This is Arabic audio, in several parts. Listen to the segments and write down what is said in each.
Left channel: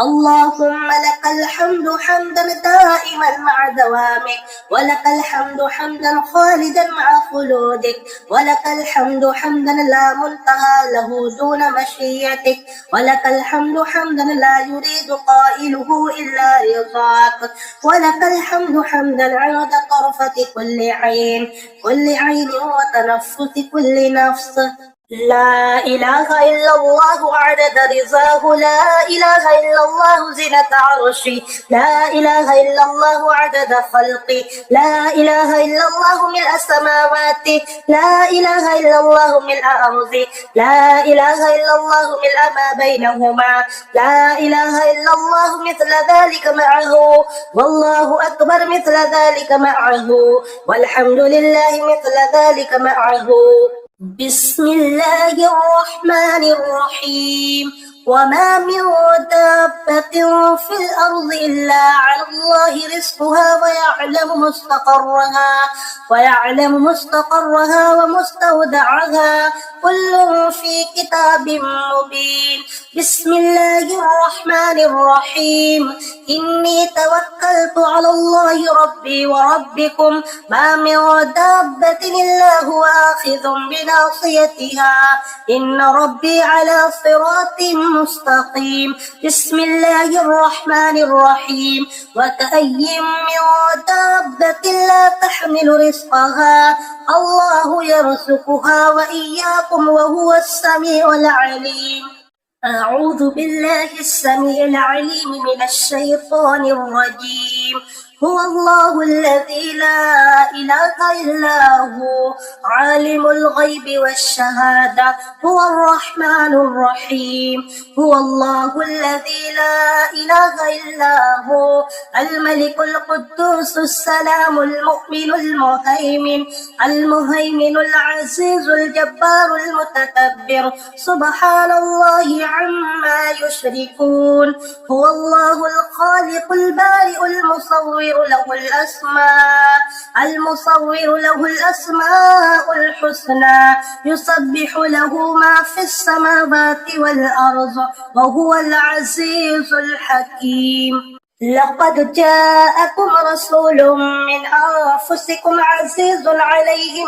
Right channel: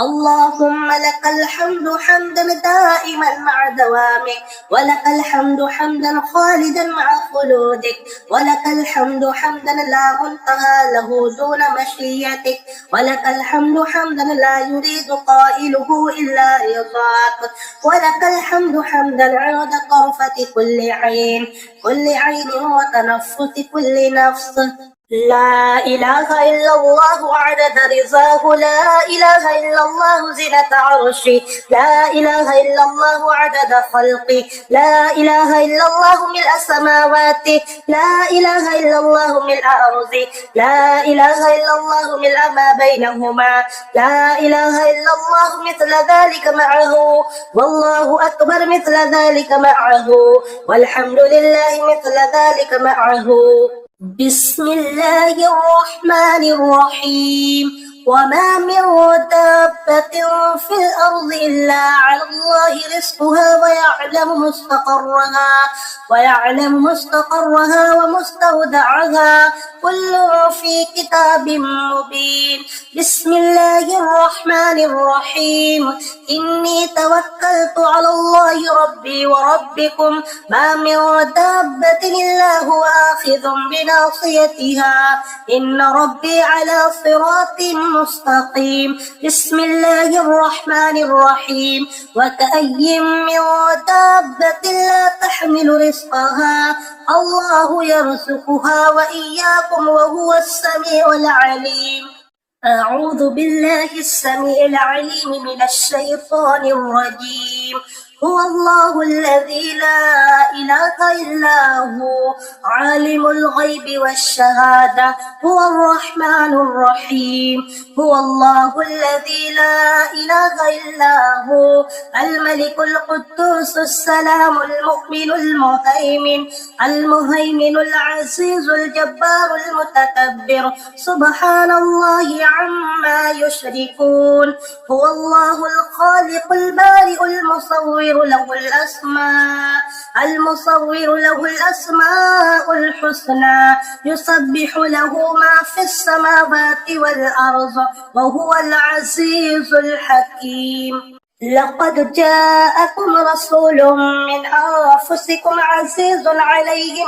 اللهم لك الحمد حمدا دائما مع دوامك، ولك الحمد حمدا خالدا مع خلودك، ولك الحمد حمدا لا منتهى له دون مشيتك، ولك الحمد حمدا لا يريد قائله إلا رضاك، ولك الحمد حمدا عند طرفة كل عين وتنفس كل نفس. لا إله إلا الله عدد رضاه، لا إله إلا الله زنة عرشي، لا إله إلا الله عدد خلقي، لا إله إلا الله ملء السماوات، لا إله إلا الله ملء أرضي، لا إله إلا الله ملء ما بينهما، لا إله إلا الله مثل ذلك معه، والله أكبر مثل ذلك معه، والحمد لله مثل ذلك معه. بسم الله الرحمن الرحيم. وما من دابة في الأرض إلا على الله رزقها ويعلم مستقرها ومستودعها، كل في كتاب مبين. بسم الله الرحمن الرحيم. إني توكلت على الله ربي وربكم، ما من دابة إلا هو آخذ بناصيتها، إن ربي على صراط مستقيم. بسم الله الرحمن الرحيم. وكأي من دابة لا تحمل رزقها الله يرزقها وإياكم وهو السميع العليم. أعوذ بالله السميع العليم من الشيطان الرجيم. هو الله الذي لا إله إلا هو عالم الغيب والشهادة، هو الرحمن الرحيم. هو الله الذي لا إله إلا هو الملك القدوس السلام المؤمن المهيمن العزيز الجبار المتكبر، سبحان الله عما يشركون. هو الله الخالق البارئ المصور له الأسماء الحسنى، يسبح له ما في السماوات والأرض، وهو العزيز الحكيم. لقد جاءكم رسول من أنفسكم عزيز عليه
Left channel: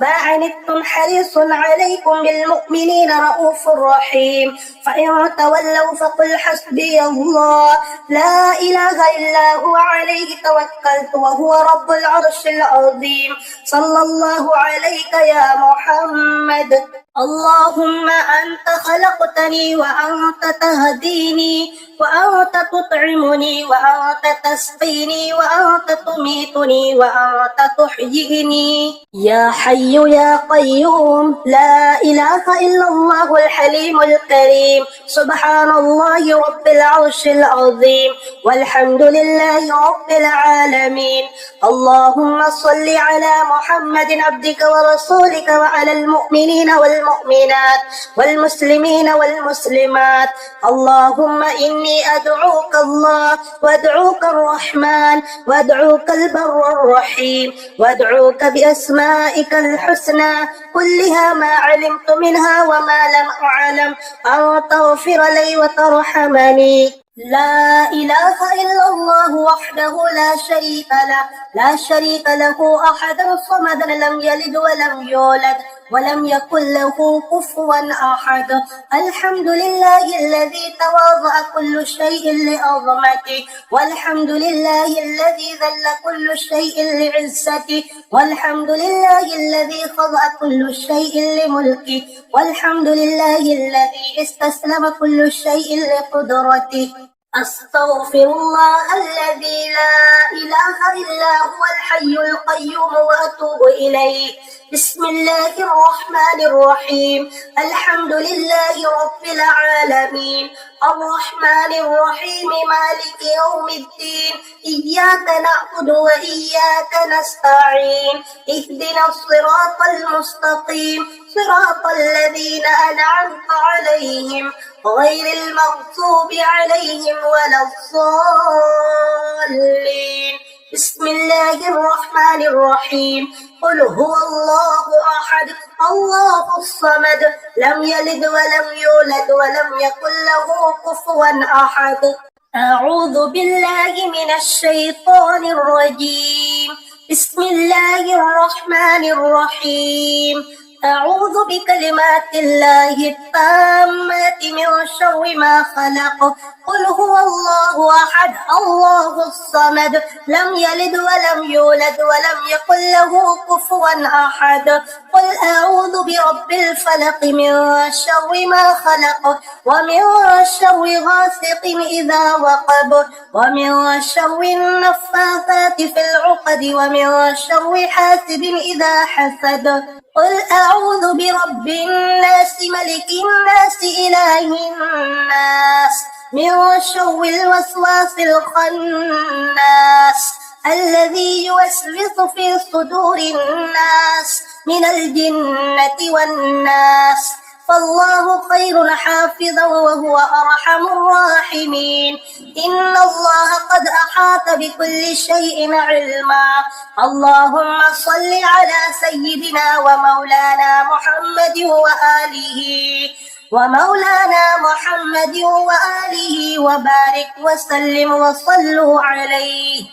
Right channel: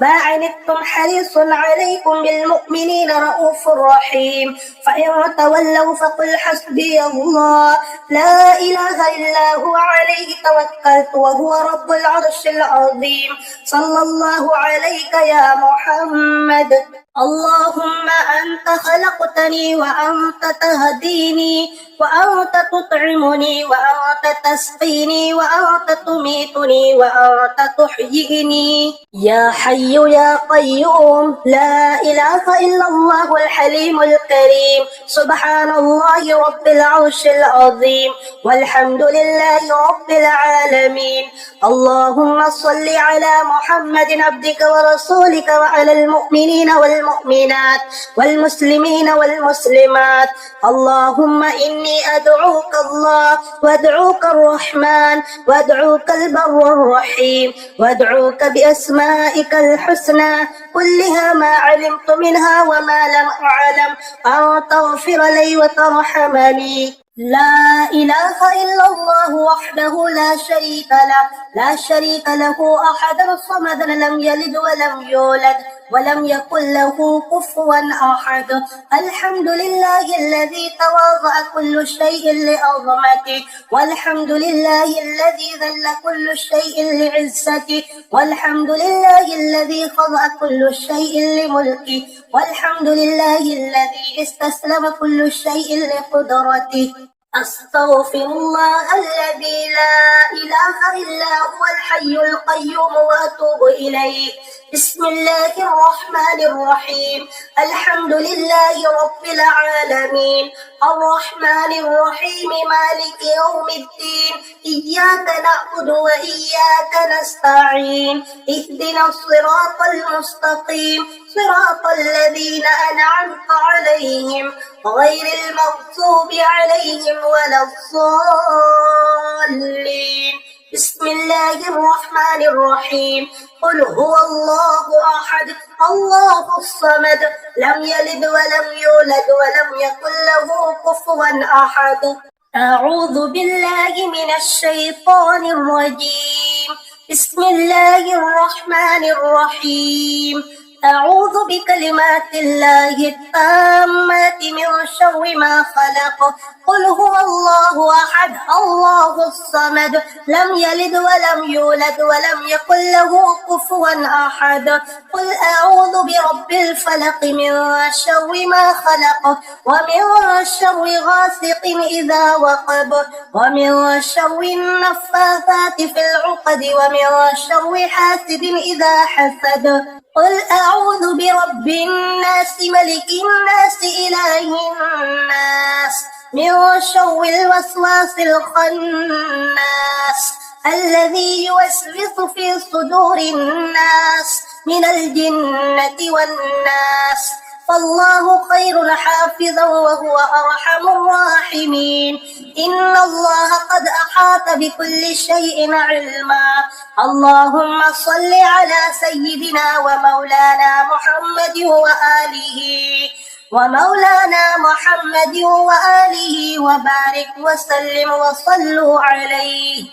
ما عنتم حريص عليكم بالمؤمنين رؤوف رحيم. فإن تولوا فقل حسبي الله لا إله إلا هو عليه توكلت وهو رب العرش العظيم. صلى الله عليك يا محمد. اللهم أنت خلقتني وأنت تهديني وأنت تطعمني وأنت تسقيني وأنت تميتني وأنت تحييني. يا حي يا قيوم، لا إله إلا الله الحليم الكريم. سبحان الله رب العرش العظيم، والحمد لله رب العالمين. اللهم صل على محمد عبدك ورسولك وعلى المؤمنين والمؤمنات والمسلمين والمسلمات. اللهم إني أدعوك الله وأدعوك الرحمن وأدعوك البر الرحيم وأدعوك بأسمائك الحسنى كلها ما علمت منها وما لم أعلم، أن تغفر لي وترحمني. لا إله إلا الله وحده لا شريك له أحد الصمد، لم يلد ولم يولد ولم يكن له كفوا أحد. الحمد لله الذي تواضع كل شيء لعظمته، والحمد لله الذي ذل كل شيء لعزته، والحمد لله الذي خضع كل شيء لملكه، والحمد لله الذي استسلم كل شيء لقدرته. أستغفر الله الذي لا إله إلا هو الحي القيوم وأتوب إليه. بسم الله الرحمن الرحيم. الحمد لله رب العالمين، الرحمن الرحيم، مالك يوم الدين. إياك نعبد وإياك نستعين، اهدنا الصراط المستقيم، صراط الذين أنعمت عليهم غير المغضوب عليهم ولا الضالين. بسم الله الرحمن الرحيم قل هو الله أحد الله الصمد لم يلد ولم يولد ولم يكن له كفوا أحد أعوذ بالله من الشيطان الرجيم بسم الله الرحمن الرحيم أعوذ بكلمات الله التامات من شر ما خلق قل هو الله أحد الله الصمد لم يلد ولم يولد ولم يكن له كفوا أحد قل أعوذ برب الفلق من شر ما خلق ومن شر غاسق إذا وقب ومن شر النفاثات في العقد ومن شر حاسد إذا حسد قل أعوذ برب الناس ملك الناس إله الناس من شر الوسواس الخناس الذي يوسوس في صدور الناس من الجنة والناس فالله خير حافظا وهو أرحم الراحمين إن الله قد أحاط بكل شيء علما اللهم صل على سيدنا ومولانا محمد وآله وبارك وسلم وصلوا عليه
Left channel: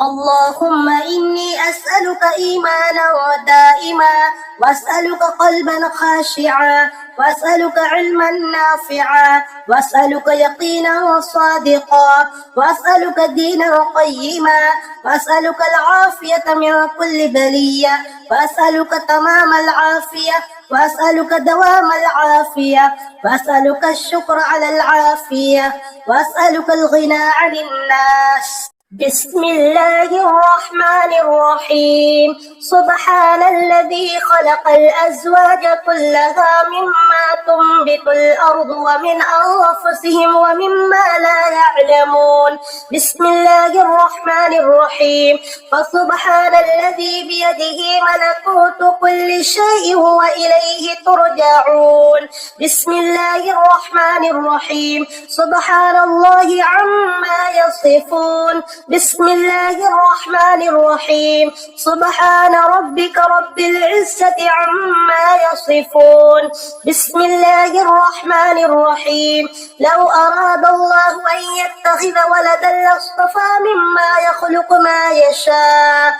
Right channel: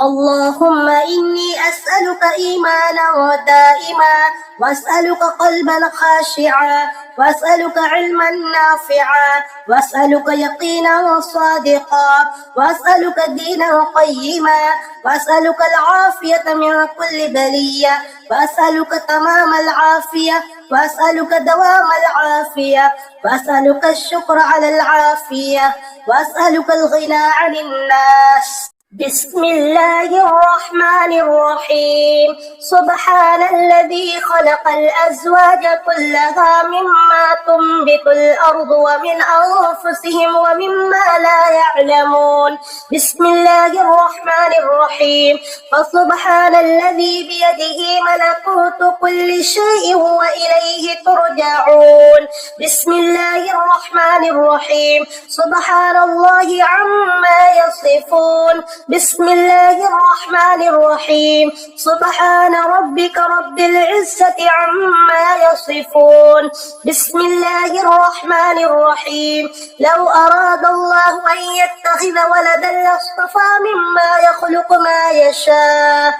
اللهم إني أسألك إيمانا دائما وأسألك قلبا خاشعا وأسألك علما نافعا وأسألك يقينا صادقا وأسألك دينا قيما وأسألك العافية من كل بلية وأسألك تمام العافية وأسألك دوام العافية وأسألك الشكر على العافية وأسألك الغنى عن الناس بسم الله الرحمن الرحيم سبحان الذي خلق الأزواج كلها مما تنبت الأرض ومن أنفسهم ومما لا يعلمون بسم الله الرحمن الرحيم فسبحان الذي بيده ملكوت كل شيء وإليه ترجعون بسم الله الرحمن الرحيم سبحان الله عما يصفون بسم الله الرحمن الرحيم سبحان ربك رب العزة عما يصفون بسم الله الرحمن الرحيم لو أراد الله أن يتخذ ولدا لاصطفى مما يخلق ما يشاء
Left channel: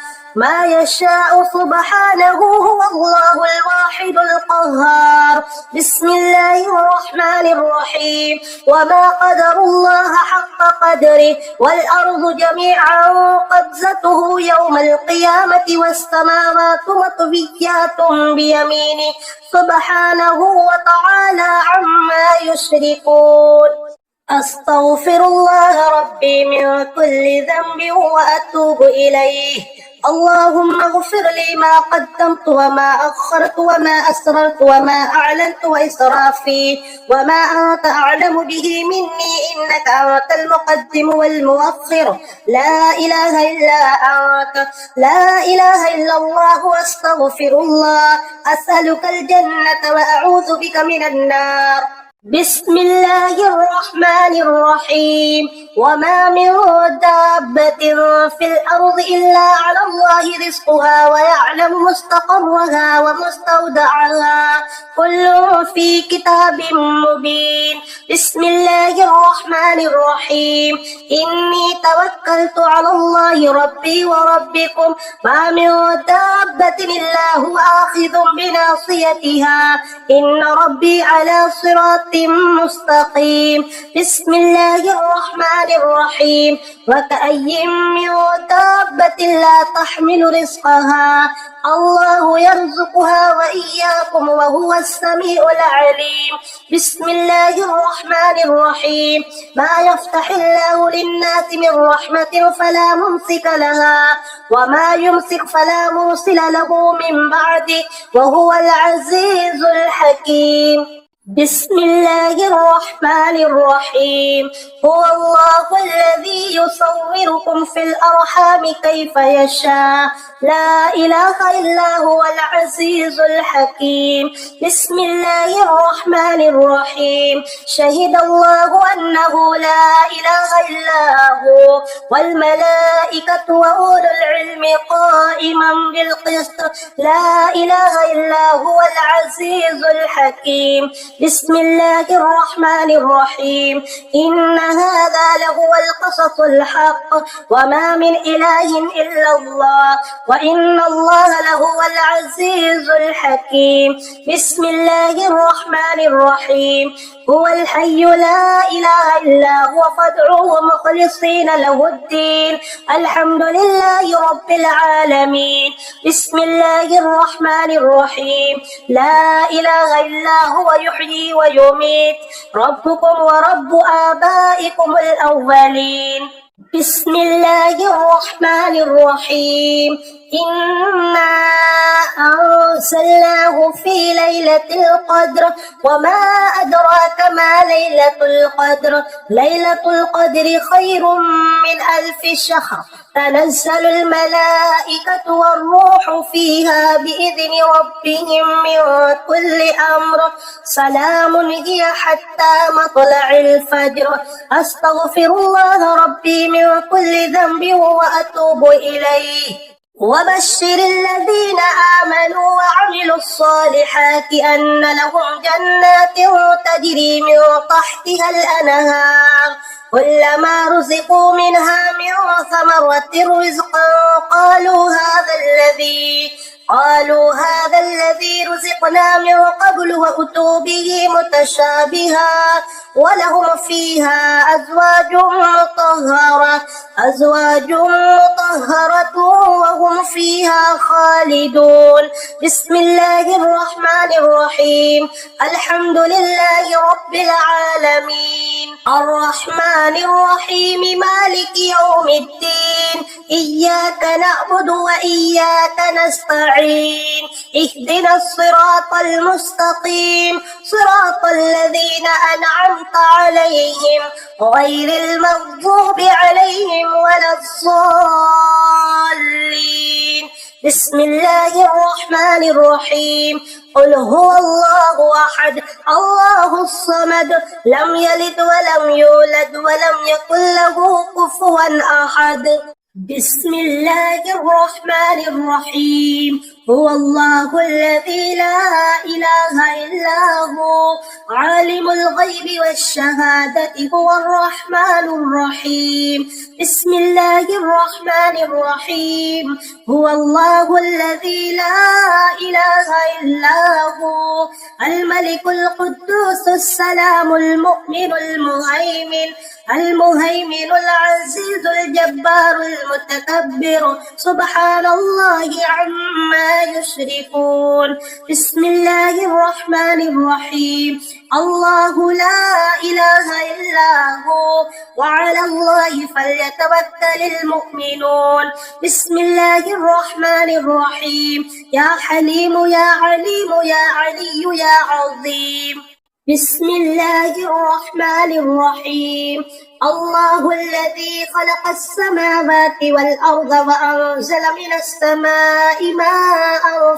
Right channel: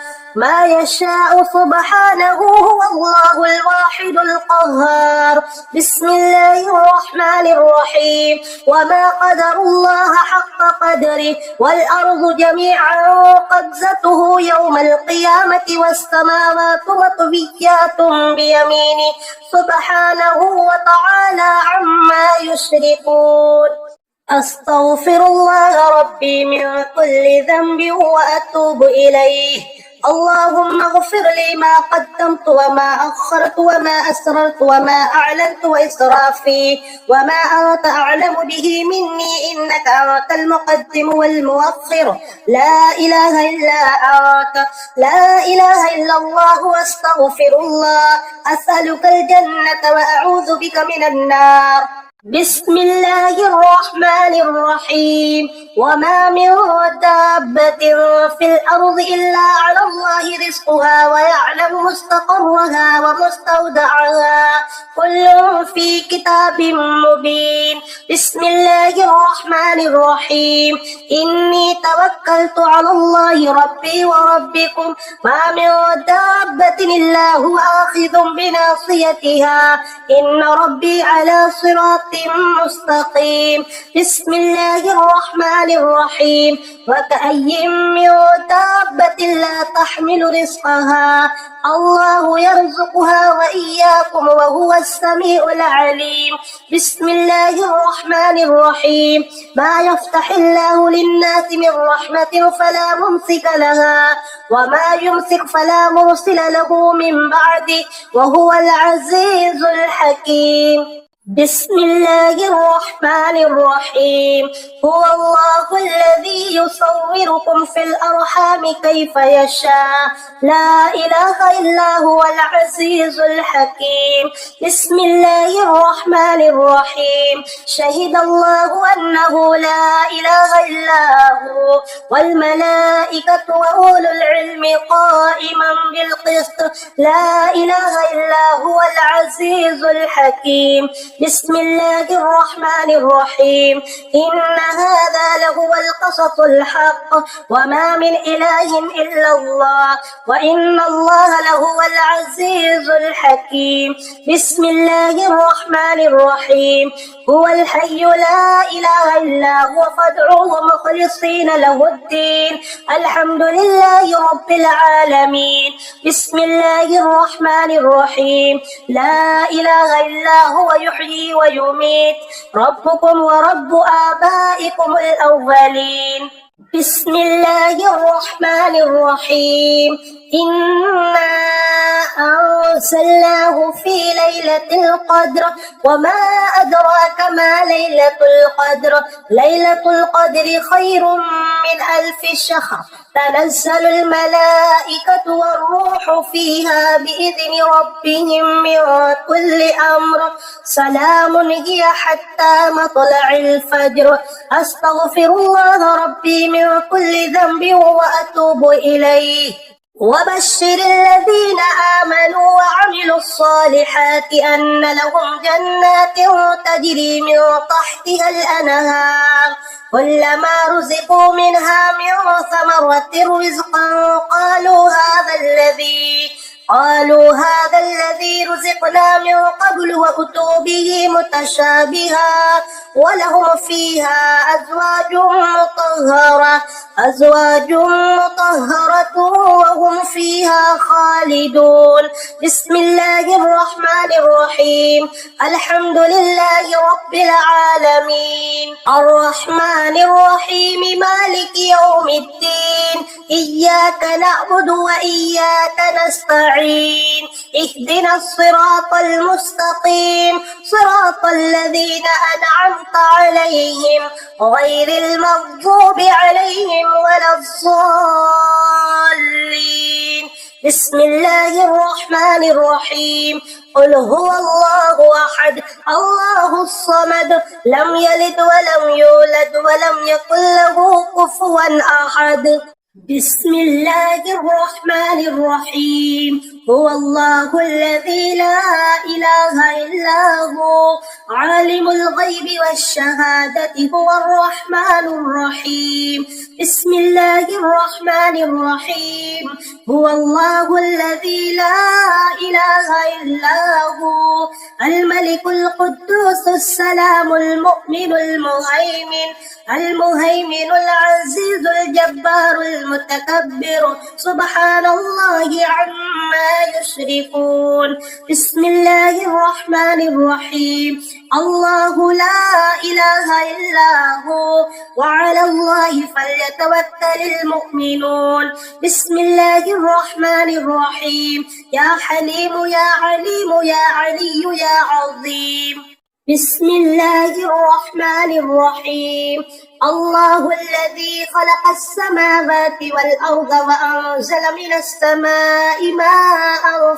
سبحانه هو الله الواحد القهار بسم الله الرحمن الرحيم وما قدر الله حق قدره والأرض جميعا قبضته يوم القيامة والسماوات مطويات بيمينه سبحانه وتعالى عما يشركون أستغفر الله ربي من كل ذنب وأتوب إليه اللهم اغفر لي ما قدمت وما أخرت وما أسررت وما أعلنت وإسرافي وما أنت أعلم به مني إنك أنت المقدم والمؤخر لا إله إلا أنت لا إله إلا الله واستغفر الله أسألك الجنة وأعوذ بك من النار بسم الله الرحمن الرحيم وما من دابة في الأرض إلا على الله رزقها ويعلم مستقرها ومستودعها كل في كتاب مبين بسم الله الرحمن الرحيم إني توكلت على الله ربي وربكم ما من دابة إلا هو آخذ بناصيتها إن ربي على صراط مستقيم بسم الله الرحمن الرحيم وكأي من دابة لا تحمل رزقها الله يرزقها وإياكم وهو السميع العليم بسم الله الرحمن الرحيم ما يفتح الله للناس من رحمة فلا ممسك لها وما يمسك فلا مرسل له من بعده وهو العزيز الحكيم بسم الله الرحمن الرحيم هو الله الذي يصوركم في الأرحام كيف يشاء لا إله إلا هو العزيز الحكيم بسم الله الرحمن الرحيم شهد الله أنه لا إله إلا هو والملائكة وأولو العلم قائما بالقسط لا إله إلا هو العزيز الحكيم بسم الله الرحمن الرحيم إن هذا لهو القصص الحق وما من إله إلا الله وإن الله لهو العزيز الحكيم بسم الله الرحمن الرحيم هو الحي لا إله إلا هو فادعوه مخلصين له الدين الحمد لله رب العالمين بسم الله الرحمن الرحيم لا إله إلا هو يحيي ويميت ربكم ورب آبائكم الأولين بسم الله الرحمن الرحيم إنا أرسلناه في ليلة القدر وما أدراك ما ليلة القدر ليلة القدر خير من 1000 شهر تنزل الملائكة والروح فيها بإذن ربهم من كل أمر سلام هي حتى مطلع الفجر أستغفر الله ربي من كل ذنب وأتوب إليه وبشر الذين آمنوا وعملوا الصالحات أن لهم جنات تجري من تحتها الأنهار كلما رزقوا منها من ثمرة رزقا قالوا هذا الذي رزقنا من قبل وأتوا به متشابها ولهم فيها أزواج مطهرة وهم فيها خالدون بسم الله الرحمن الرحيم الحمد لله رب العالمين الرحمن الرحيم مالك يوم الدين إياك نعبد وإياك نستعين اهدنا الصراط المستقيم صراط الذين أنعمت عليهم غير المغضوب عليهم ولا الضالين بسم الله الرحمن الرحيم قل هو الله أحد الله الصمد لم يلد ولم يولد ولم يكن له كفوا أحد بسم الله الرحمن الرحيم هو الله الذي لا إله إلا هو عالم الغيب والشهادة هو الرحمن الرحيم بسم الله الرحمن الرحيم هو الله الذي لا إله إلا هو الملك القدوس السلام المؤمن المهيمن العزيز الجبار المتكبر سبحان الله عما يشركون بسم الله الرحمن الرحيم الله لا إله إلا هو وعلى الله فليتوكل المؤمنون بسم الله الرحمن الرحيم يا حليم يا عليم يا علي يا عظيم بسم الله الرحمن الرحيم الله الذي خلق السماوات والأرض وأنزل من السماء ماء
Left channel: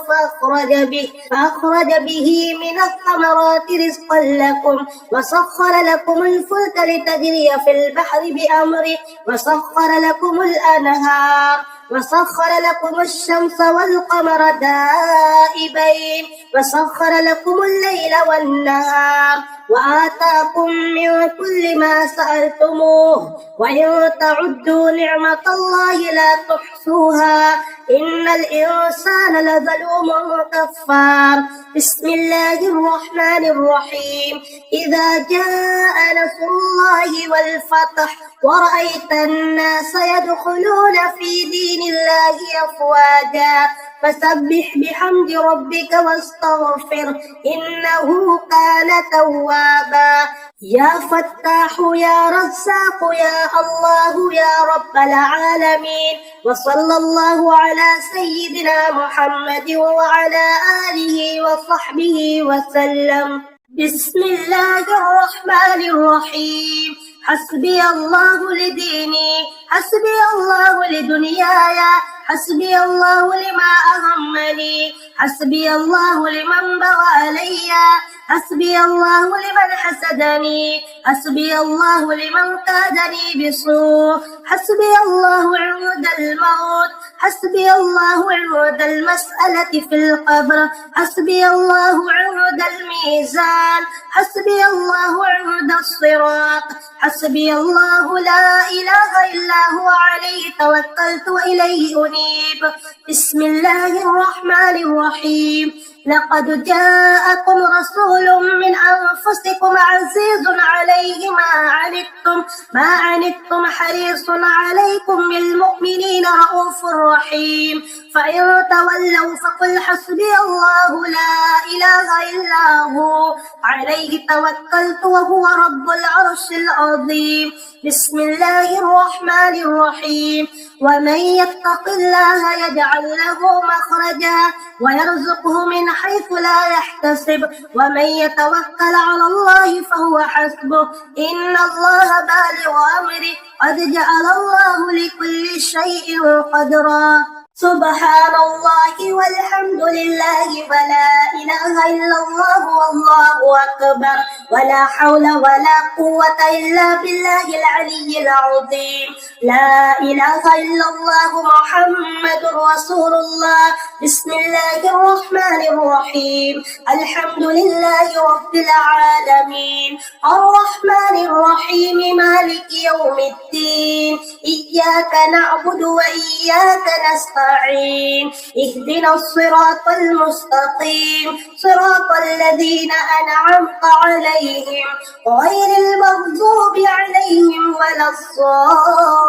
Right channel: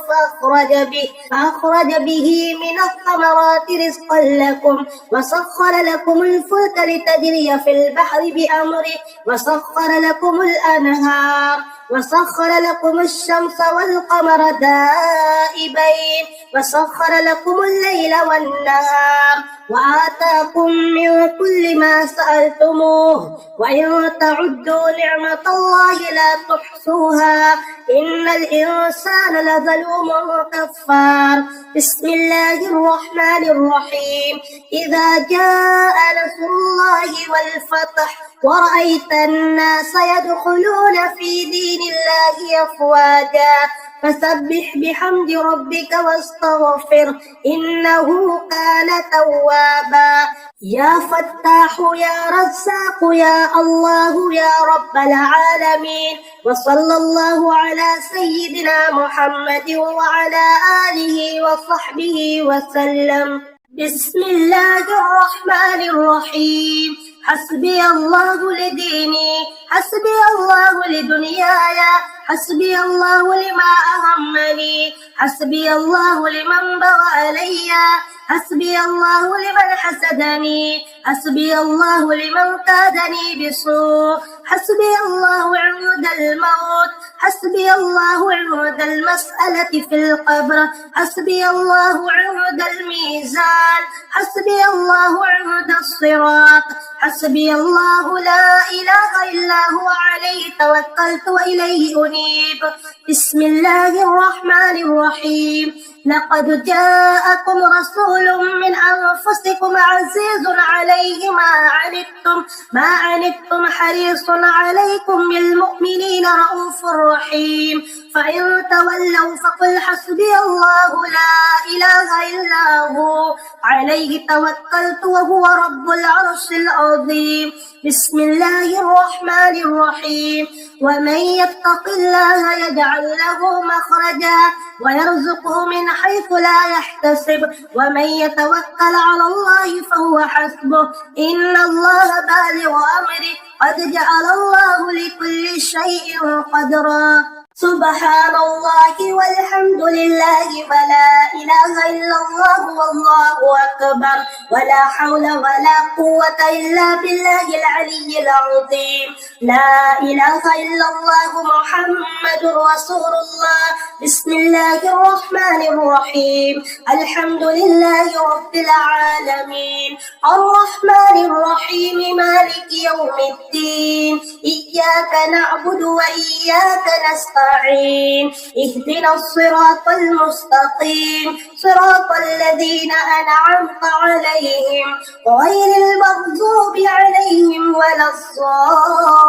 فأخرج به من الثمرات رزقا لكم وسخر لكم الفلك لتجري في البحر بأمره وسخر لكم الأنهار وسخر لكم الشمس والقمر دائبين وسخر لكم الليل والنهار وآتاكم من كل ما سألتموه وإن تعدوا نعمة الله لا تحصوها إن الإنسان لظلوم كفار بسم الله الرحمن الرحيم إذا جاء نصر الله والفتح ورأيت الناس يدخلون في دين الله أفواجا فسبح بحمد ربك واستغفر إنه كان توابا يا فتاح يا رزاق يا الله يا رب العالمين وصلى الله على سيدنا محمد وعلى آله وصحبه وسلم بسم الله الرحمن الرحيم. حسبي الله لديني، حسبي الله لدنياي، حسبي الله لما أهمني، حسبي الله لمن بغى علي، حسبي الله لمن حسدني، حسبي الله لمن كادني بسوء، حسبي الله عند الموت، حسبي الله عند المسألة في القبر، حسبي الله عند الميزان، حسبي الله عند الصراط، حسبي الله لا إله إلا هو عليه توكلت وإليه أنيب. بسم الله الرحمن الرحيم. لقد جاءكم رسول من أنفسكم عزيز عليه ما عنتم حريص عليكم بالمؤمنين رؤوف رحيم. فإن تولوا فقل حسبي الله لا إله إلا هو عليه توكلت وهو رب العرش العظيم. بسم الله الرحمن الرحيم. ومن يتق الله يجعل له مخرجا ويرزقه من حيث لا يحتسب ومن يتوكل على الله فهو حسبه إن الله بالغ أمره قد جعل الله لكل شيء قدرا. سبحان الله والحمد لله ولا إله إلا الله والله أكبر ولا حول ولا قوة إلا بالله العلي العظيم. لا إله إلا الله محمد رسول الله. بسم الله الرحمن الرحيم. الحمد لله رب العالمين الرحمن الرحيم مالك يوم الدين. إياك نعبد وإياك نستعين. اهدنا الصراط المستقيم صراط الذين أنعمت عليهم غير المغضوب عليهم ولا الضالين.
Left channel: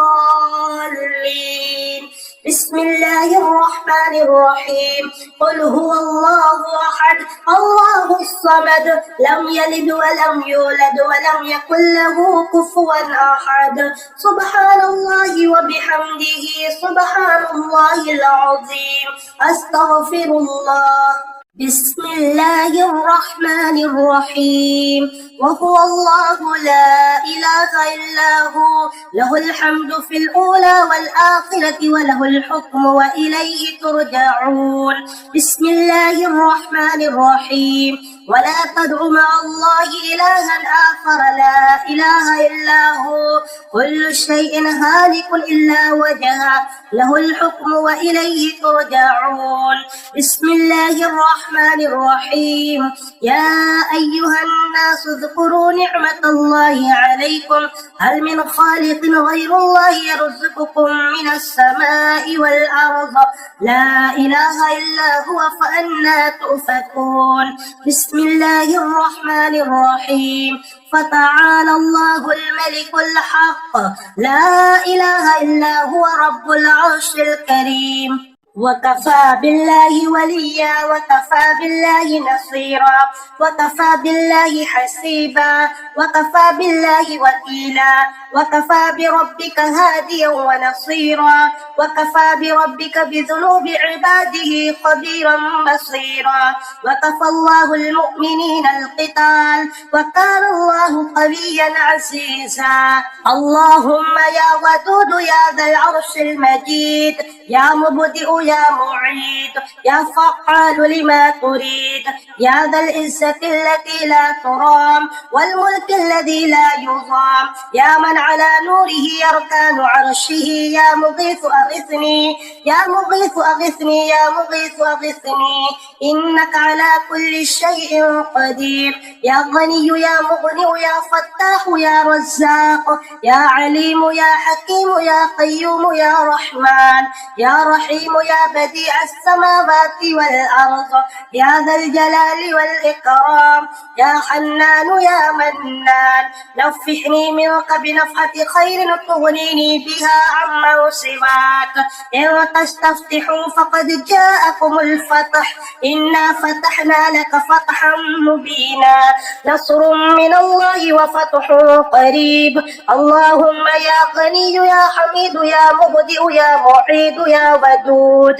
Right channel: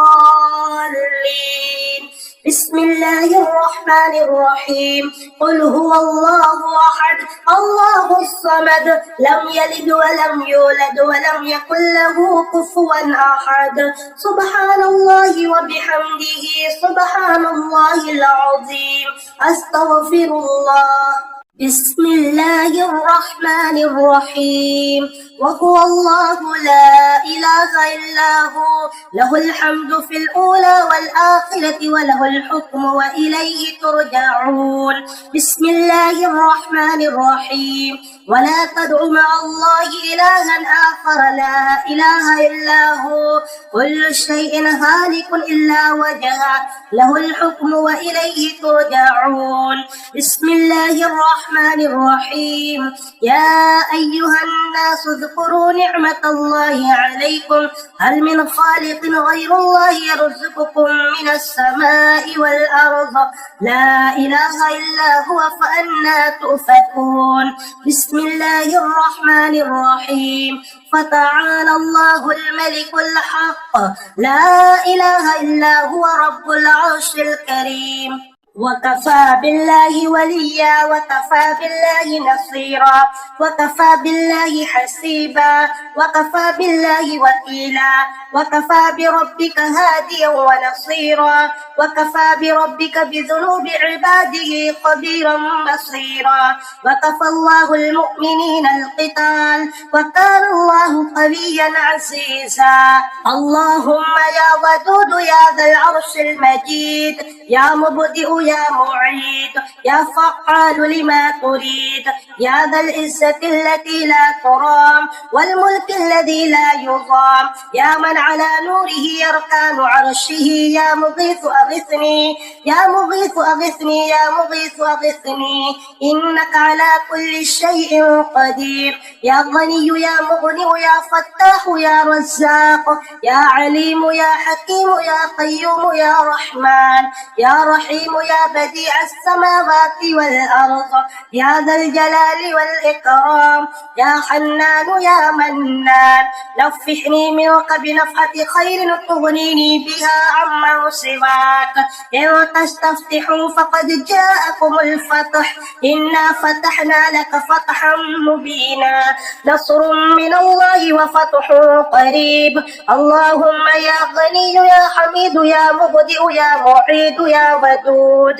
بسم الله الرحمن الرحيم. قل هو الله أحد الله الصمد لم يلد ولم يولد ولم يكن له كفوا أحد. سبحان الله وبحمده سبحان الله العظيم. أستغفر الله. بسم الله الرحمن الرحيم. وهو الله لا إله إلا هو له الحمد في الأولى والآخرة وله الحكم وإليه ترجعون. بسم الله الرحمن الرحيم. ولا تدع مع الله إلها آخر لا إله إلا هو كل شيء هالك إلا وجهه له الحكم وإليه ترجعون. بسم الله الرحمن الرحيم. يا أيها الناس اذكروا نعمة الله عليكم هل من خالق غير الله يرزقكم من السماء والأرض لا إله إلا هو فأنى تؤفكون. بسم الله الرحمن الرحيم. فتعالى الله الملك الحق لا إله إلا هو رب العرش الكريم. وكفى بالله وليا وكفى بالله نصيرا وكفى بالله حسيبا وكفى بالله وكيلا وكفى بربك هاديا ونصيرا وكفى بربك بذنوب عباده خبيرا بصيرا. وكفى الله المؤمنين القتال وكان الله قويا عزيزا. اللهم يا ودود يا ذا العرش المجيد يا مبدئ يا معيد يا فعال لما تريد يا ذا العزة التي لا ترام والملك الذي لا يضام يا من على نوره يركان عرشه يا مغيث أغثني يا مغيث أغثني يا مغيث أغثني إنك على كل شيء قدير. يا غني يا مغني يا فتاح يا رزاق يا عليم يا حكيم يا قيوم يا رحمن يا رحيم يا بديع السماوات والأرض يا ذا الجلال والإكرام يا حنان يا منان نفحني منك بنفحة خير تغنيني بها عمن سواك. إن تستفتحوا فقد جاءكم الفتح إنا فتحنا لك فتحا مبينا نصر من الله وفتح قريب. اللهم يا غني يا حميد يا مبدئ يا معيد يا ودود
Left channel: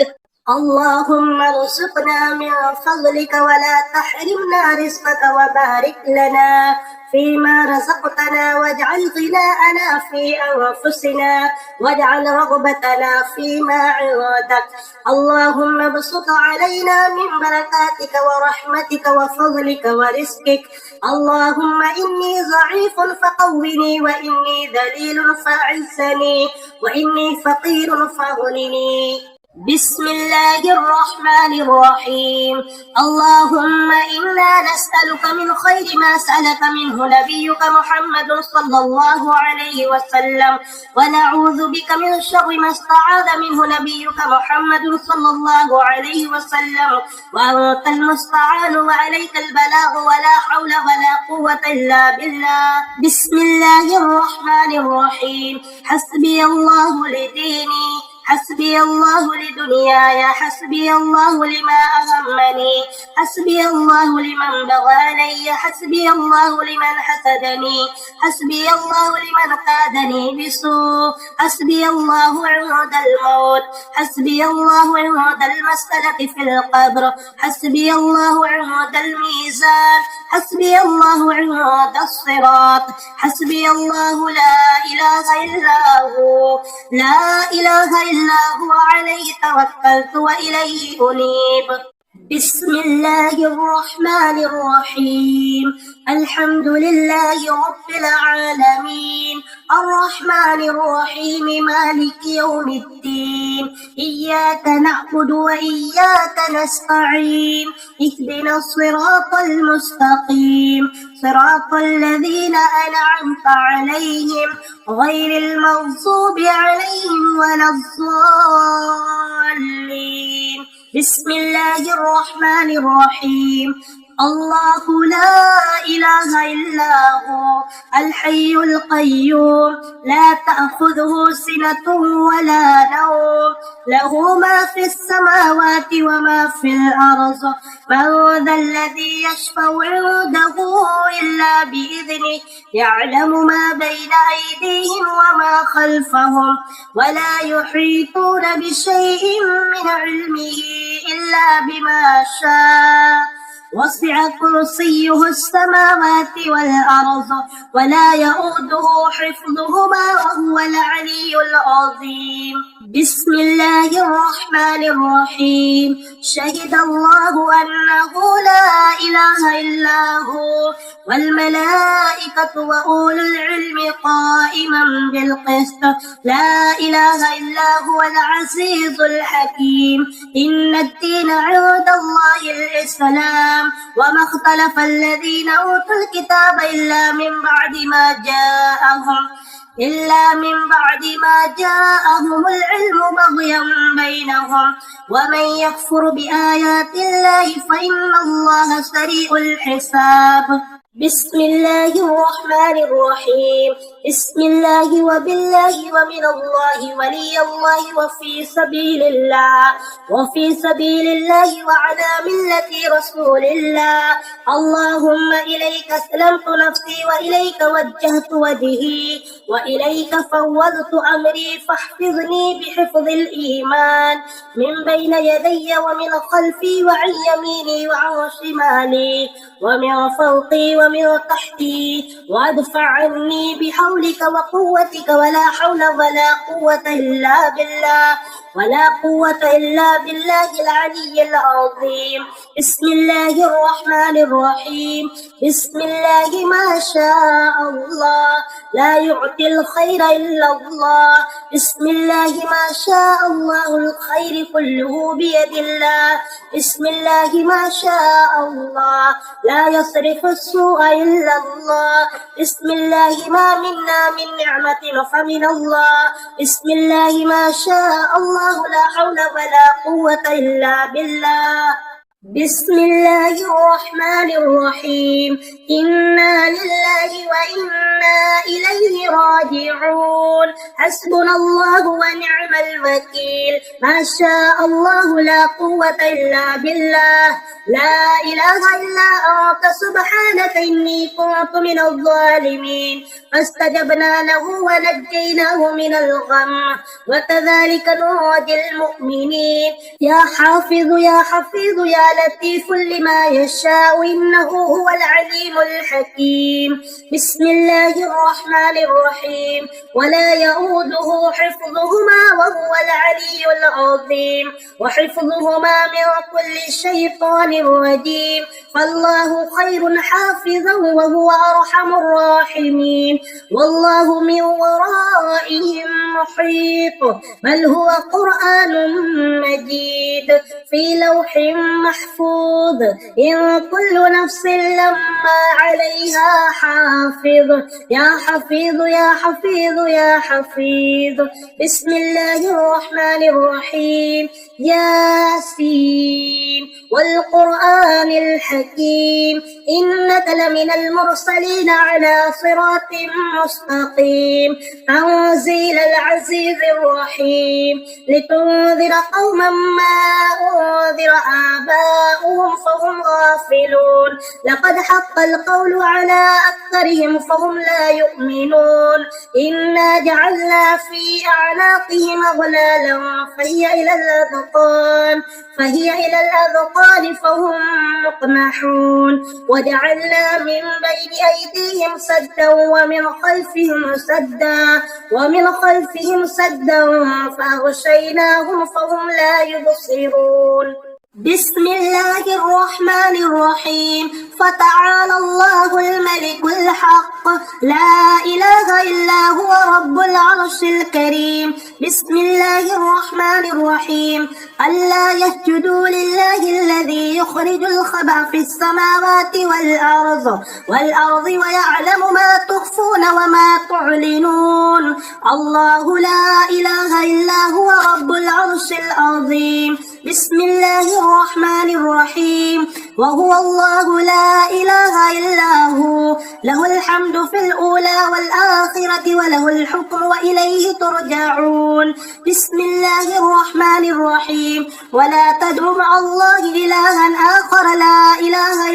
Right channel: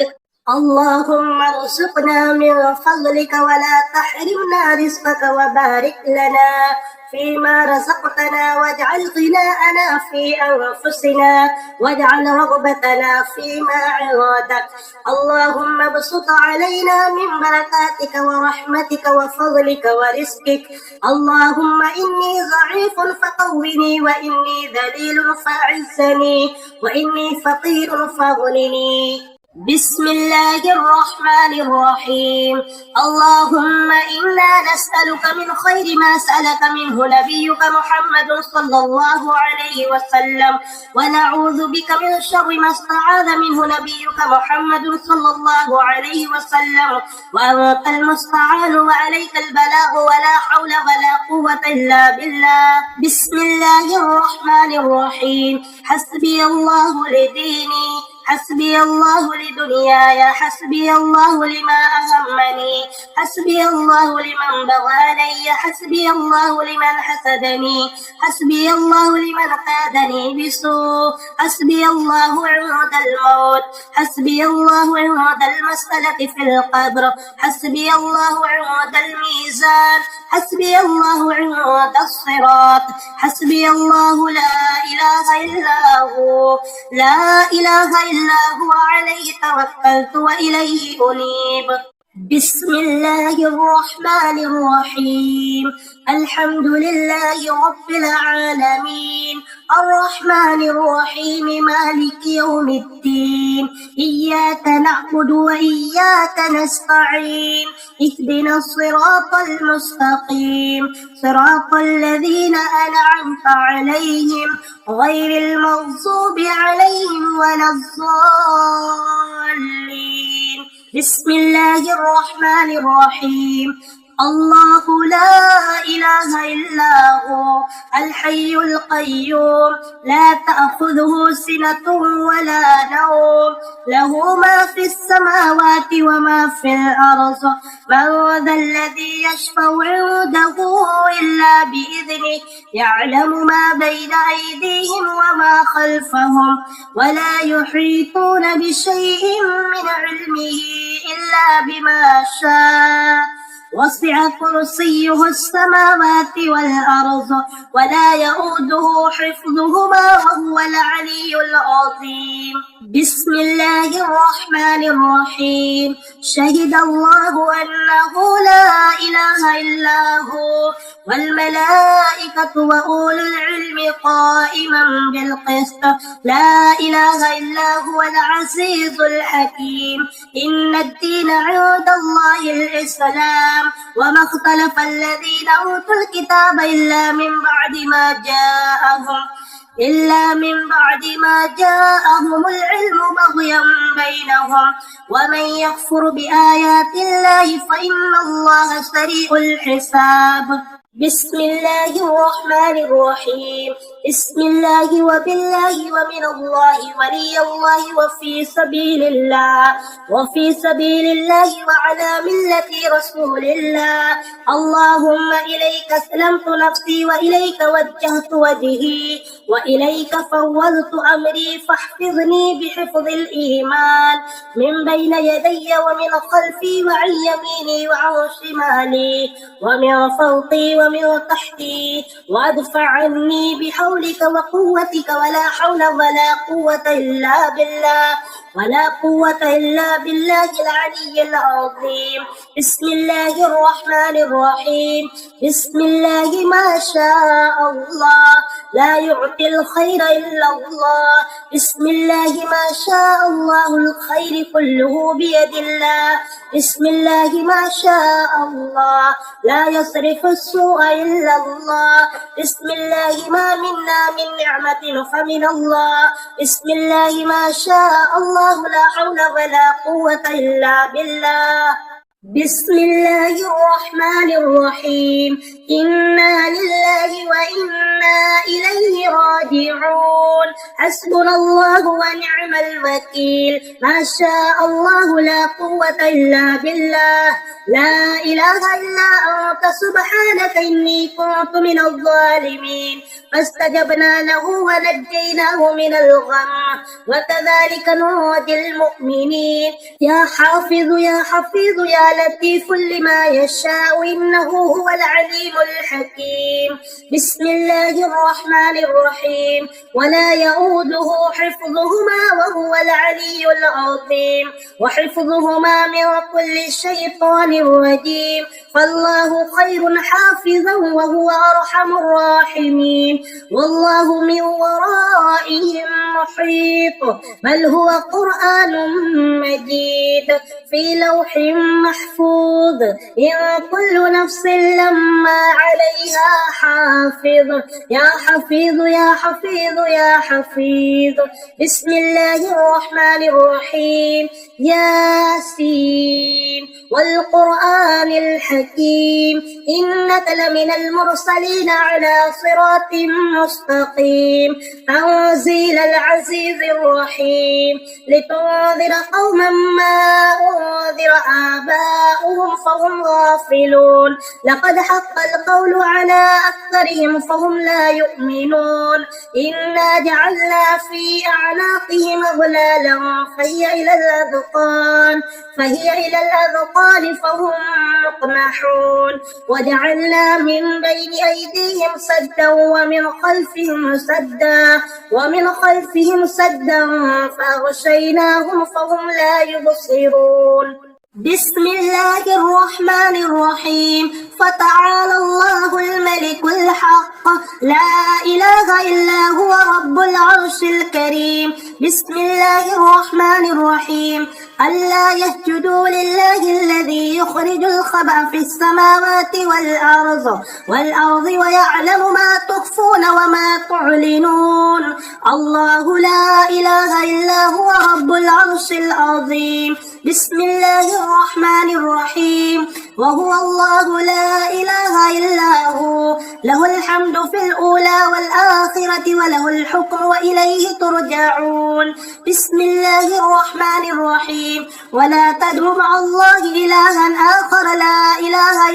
اللهم ارزقنا من فضلك ولا تحرمنا رزقك وبارك لنا فيما رزقتنا واجعل غناءنا في أنفسنا واجعل رغبتنا فيما عرادك. اللهم ابسط علينا من بركاتك ورحمتك وفضلك ورزقك. اللهم إني ضعيف فقوني وإني ذليل فأعزني وإني فقير فاغنني. بسم الله الرحمن الرحيم. اللهم إنا نسألك من خير ما سألك منه نبيك محمد صلى الله عليه وسلم ونعوذ بك من شر ما استعاذ منه نبيك محمد صلى الله عليه وسلم وأنت المستعان وعليك البلاغ ولا حول ولا قوة إلا بالله. بسم الله الرحمن الرحيم. حسبي الله لديني حسبي الله لدنياي حسبي الله لما أهمني حسبي الله لمن بغى علي حسبي الله لمن حسدني حسبي الله لمن كادني بسوء حسبي الله عند الموت حسبي الله عند المسألة في القبر حسبي الله عند الميزان حسبي الله عند الصراط حسبي الله لا إله إلا هو لا إله إلا هو عليه توكلت وإليه أنيب. بسم الله الرحمن الرحيم. الحمد لله رب العالمين الرحمن الرحيم مالك يوم الدين إياك نعبد وإياك نستعين اهدنا الصراط المستقيم صراط الذين أنعمت عليهم غير المغضوب عليهم ولا الضالين. بسم الله الرحمن الرحيم. الله لا إله إلا هو الحي القيوم لا تأخذه سنة ولا نوم له ما في السماوات وما في الأرض من ذا الذي يشفع عنده إلا بإذنه يعلم ما بين أيديهم وما خلفهم ولا يحيطون بشيء من علمه إلا بما شاء وسع كرسيه السماوات والأرض ولا يؤوده حفظهما وهو العلي العظيم. بسم الله الرحمن الرحيم. شهد الله أنه لا إله إلا هو والملائكة وأولو العلم قائما بالقسط لا إله إلا هو العزيز الحكيم. إن الدين عند الله الإسلام وما اختلف الذين أوتوا الكتاب إلا من بعد ما جاءهم العلم بغيا بينهم ومن يكفر بآيات الله فإن الله سريع الحساب. بسم الله الرحمن الرحيم. بسم الله وبالله ومن الله ولي الله وفي سبيل الله وعلى ملة رسول الله. اللهم إليك أسلمت نفسي وإليك وجهت وجهي وإليك فوضت أمري فاحفظني بحفظ الإيمان من بين يدي ومن خلفي وعن يميني وعن شمالي ومن فوقي ومن تحتي وادفع عني بحولك وقوتك ولا حول ولا قوة إلا بالله العلي العظيم. بسم الله الرحمن الرحيم. بسم الله ما شاء الله لا يعطي الخير إلا الله. بسم الله ما شاء الله الخير كله بيد الله. بسم الله ما شاء الله لا يصرف السوء إلا الله. بسم الله ما منا من نعمة فمن الله. بسم الله ما شاء الله لا حول ولا قوة إلا بالله. بسم الله الرحمن الرحيم. إنا لله وإنا إليه راجعون. حسبنا الله ونعم الوكيل ما شاء الله لا قوة إلا بالله لا إله إلا أنت سبحانك إني كنت من الظالمين فاستجبنا له ونجيناه من الغم وكذلك ننجي المؤمنين يا حافظ يا حفيظ يا لطيف لما يشاء إنه هو العليم الحكيم بسم الله الرحمن الرحيم ولا يؤوده حفظهما وهو العلي العظيم وحفظهما من كل شيطان رجيم فالله خير حافظا وهو أرحم الراحمين والله من ورائهم محيط بل هو قرآن مجيد في لوح محفوظ إن كل نفس لما عليها حافظ يا حفيظ يا حفيظ يا حفيظ بسم الله الرحمن الرحيم ياسين والقرآن الحكيم إنك لمن المرسلين على صراط مستقيم تنزيل العزيز الرحيم لتنذر قوما ما أنذر آباؤهم فهم غافلون لقد حق القول على أكثرهم فهم لا يؤمنون إنا جعلنا في أعناقهم أغلالا فهي إلى الأذقان فهم مقمحون وجعلنا من بين أيديهم سدا ومن خلفهم سدا فأغشيناهم فهم لا يبصرون بسم الله الرحمن الرحيم فتعالى الله الملك الحق لا إله إلا هو رب العرش الكريم بسم الله الرحمن الرحيم ألا يسجدوا لله الذي يخرج الخبأ في السماوات والأرض ويعلم ما تخفون وما تعلنون الله لا إله إلا هو رب العرش العظيم بسم الله الرحمن الرحيم وهو الله لا إله إلا هو له الحمد في الأولى والآخرة وله الحكم وإليه ترجعون بسم الله الرحمن الرحيم ولا تدعوا مع الله إلها آخر لا إله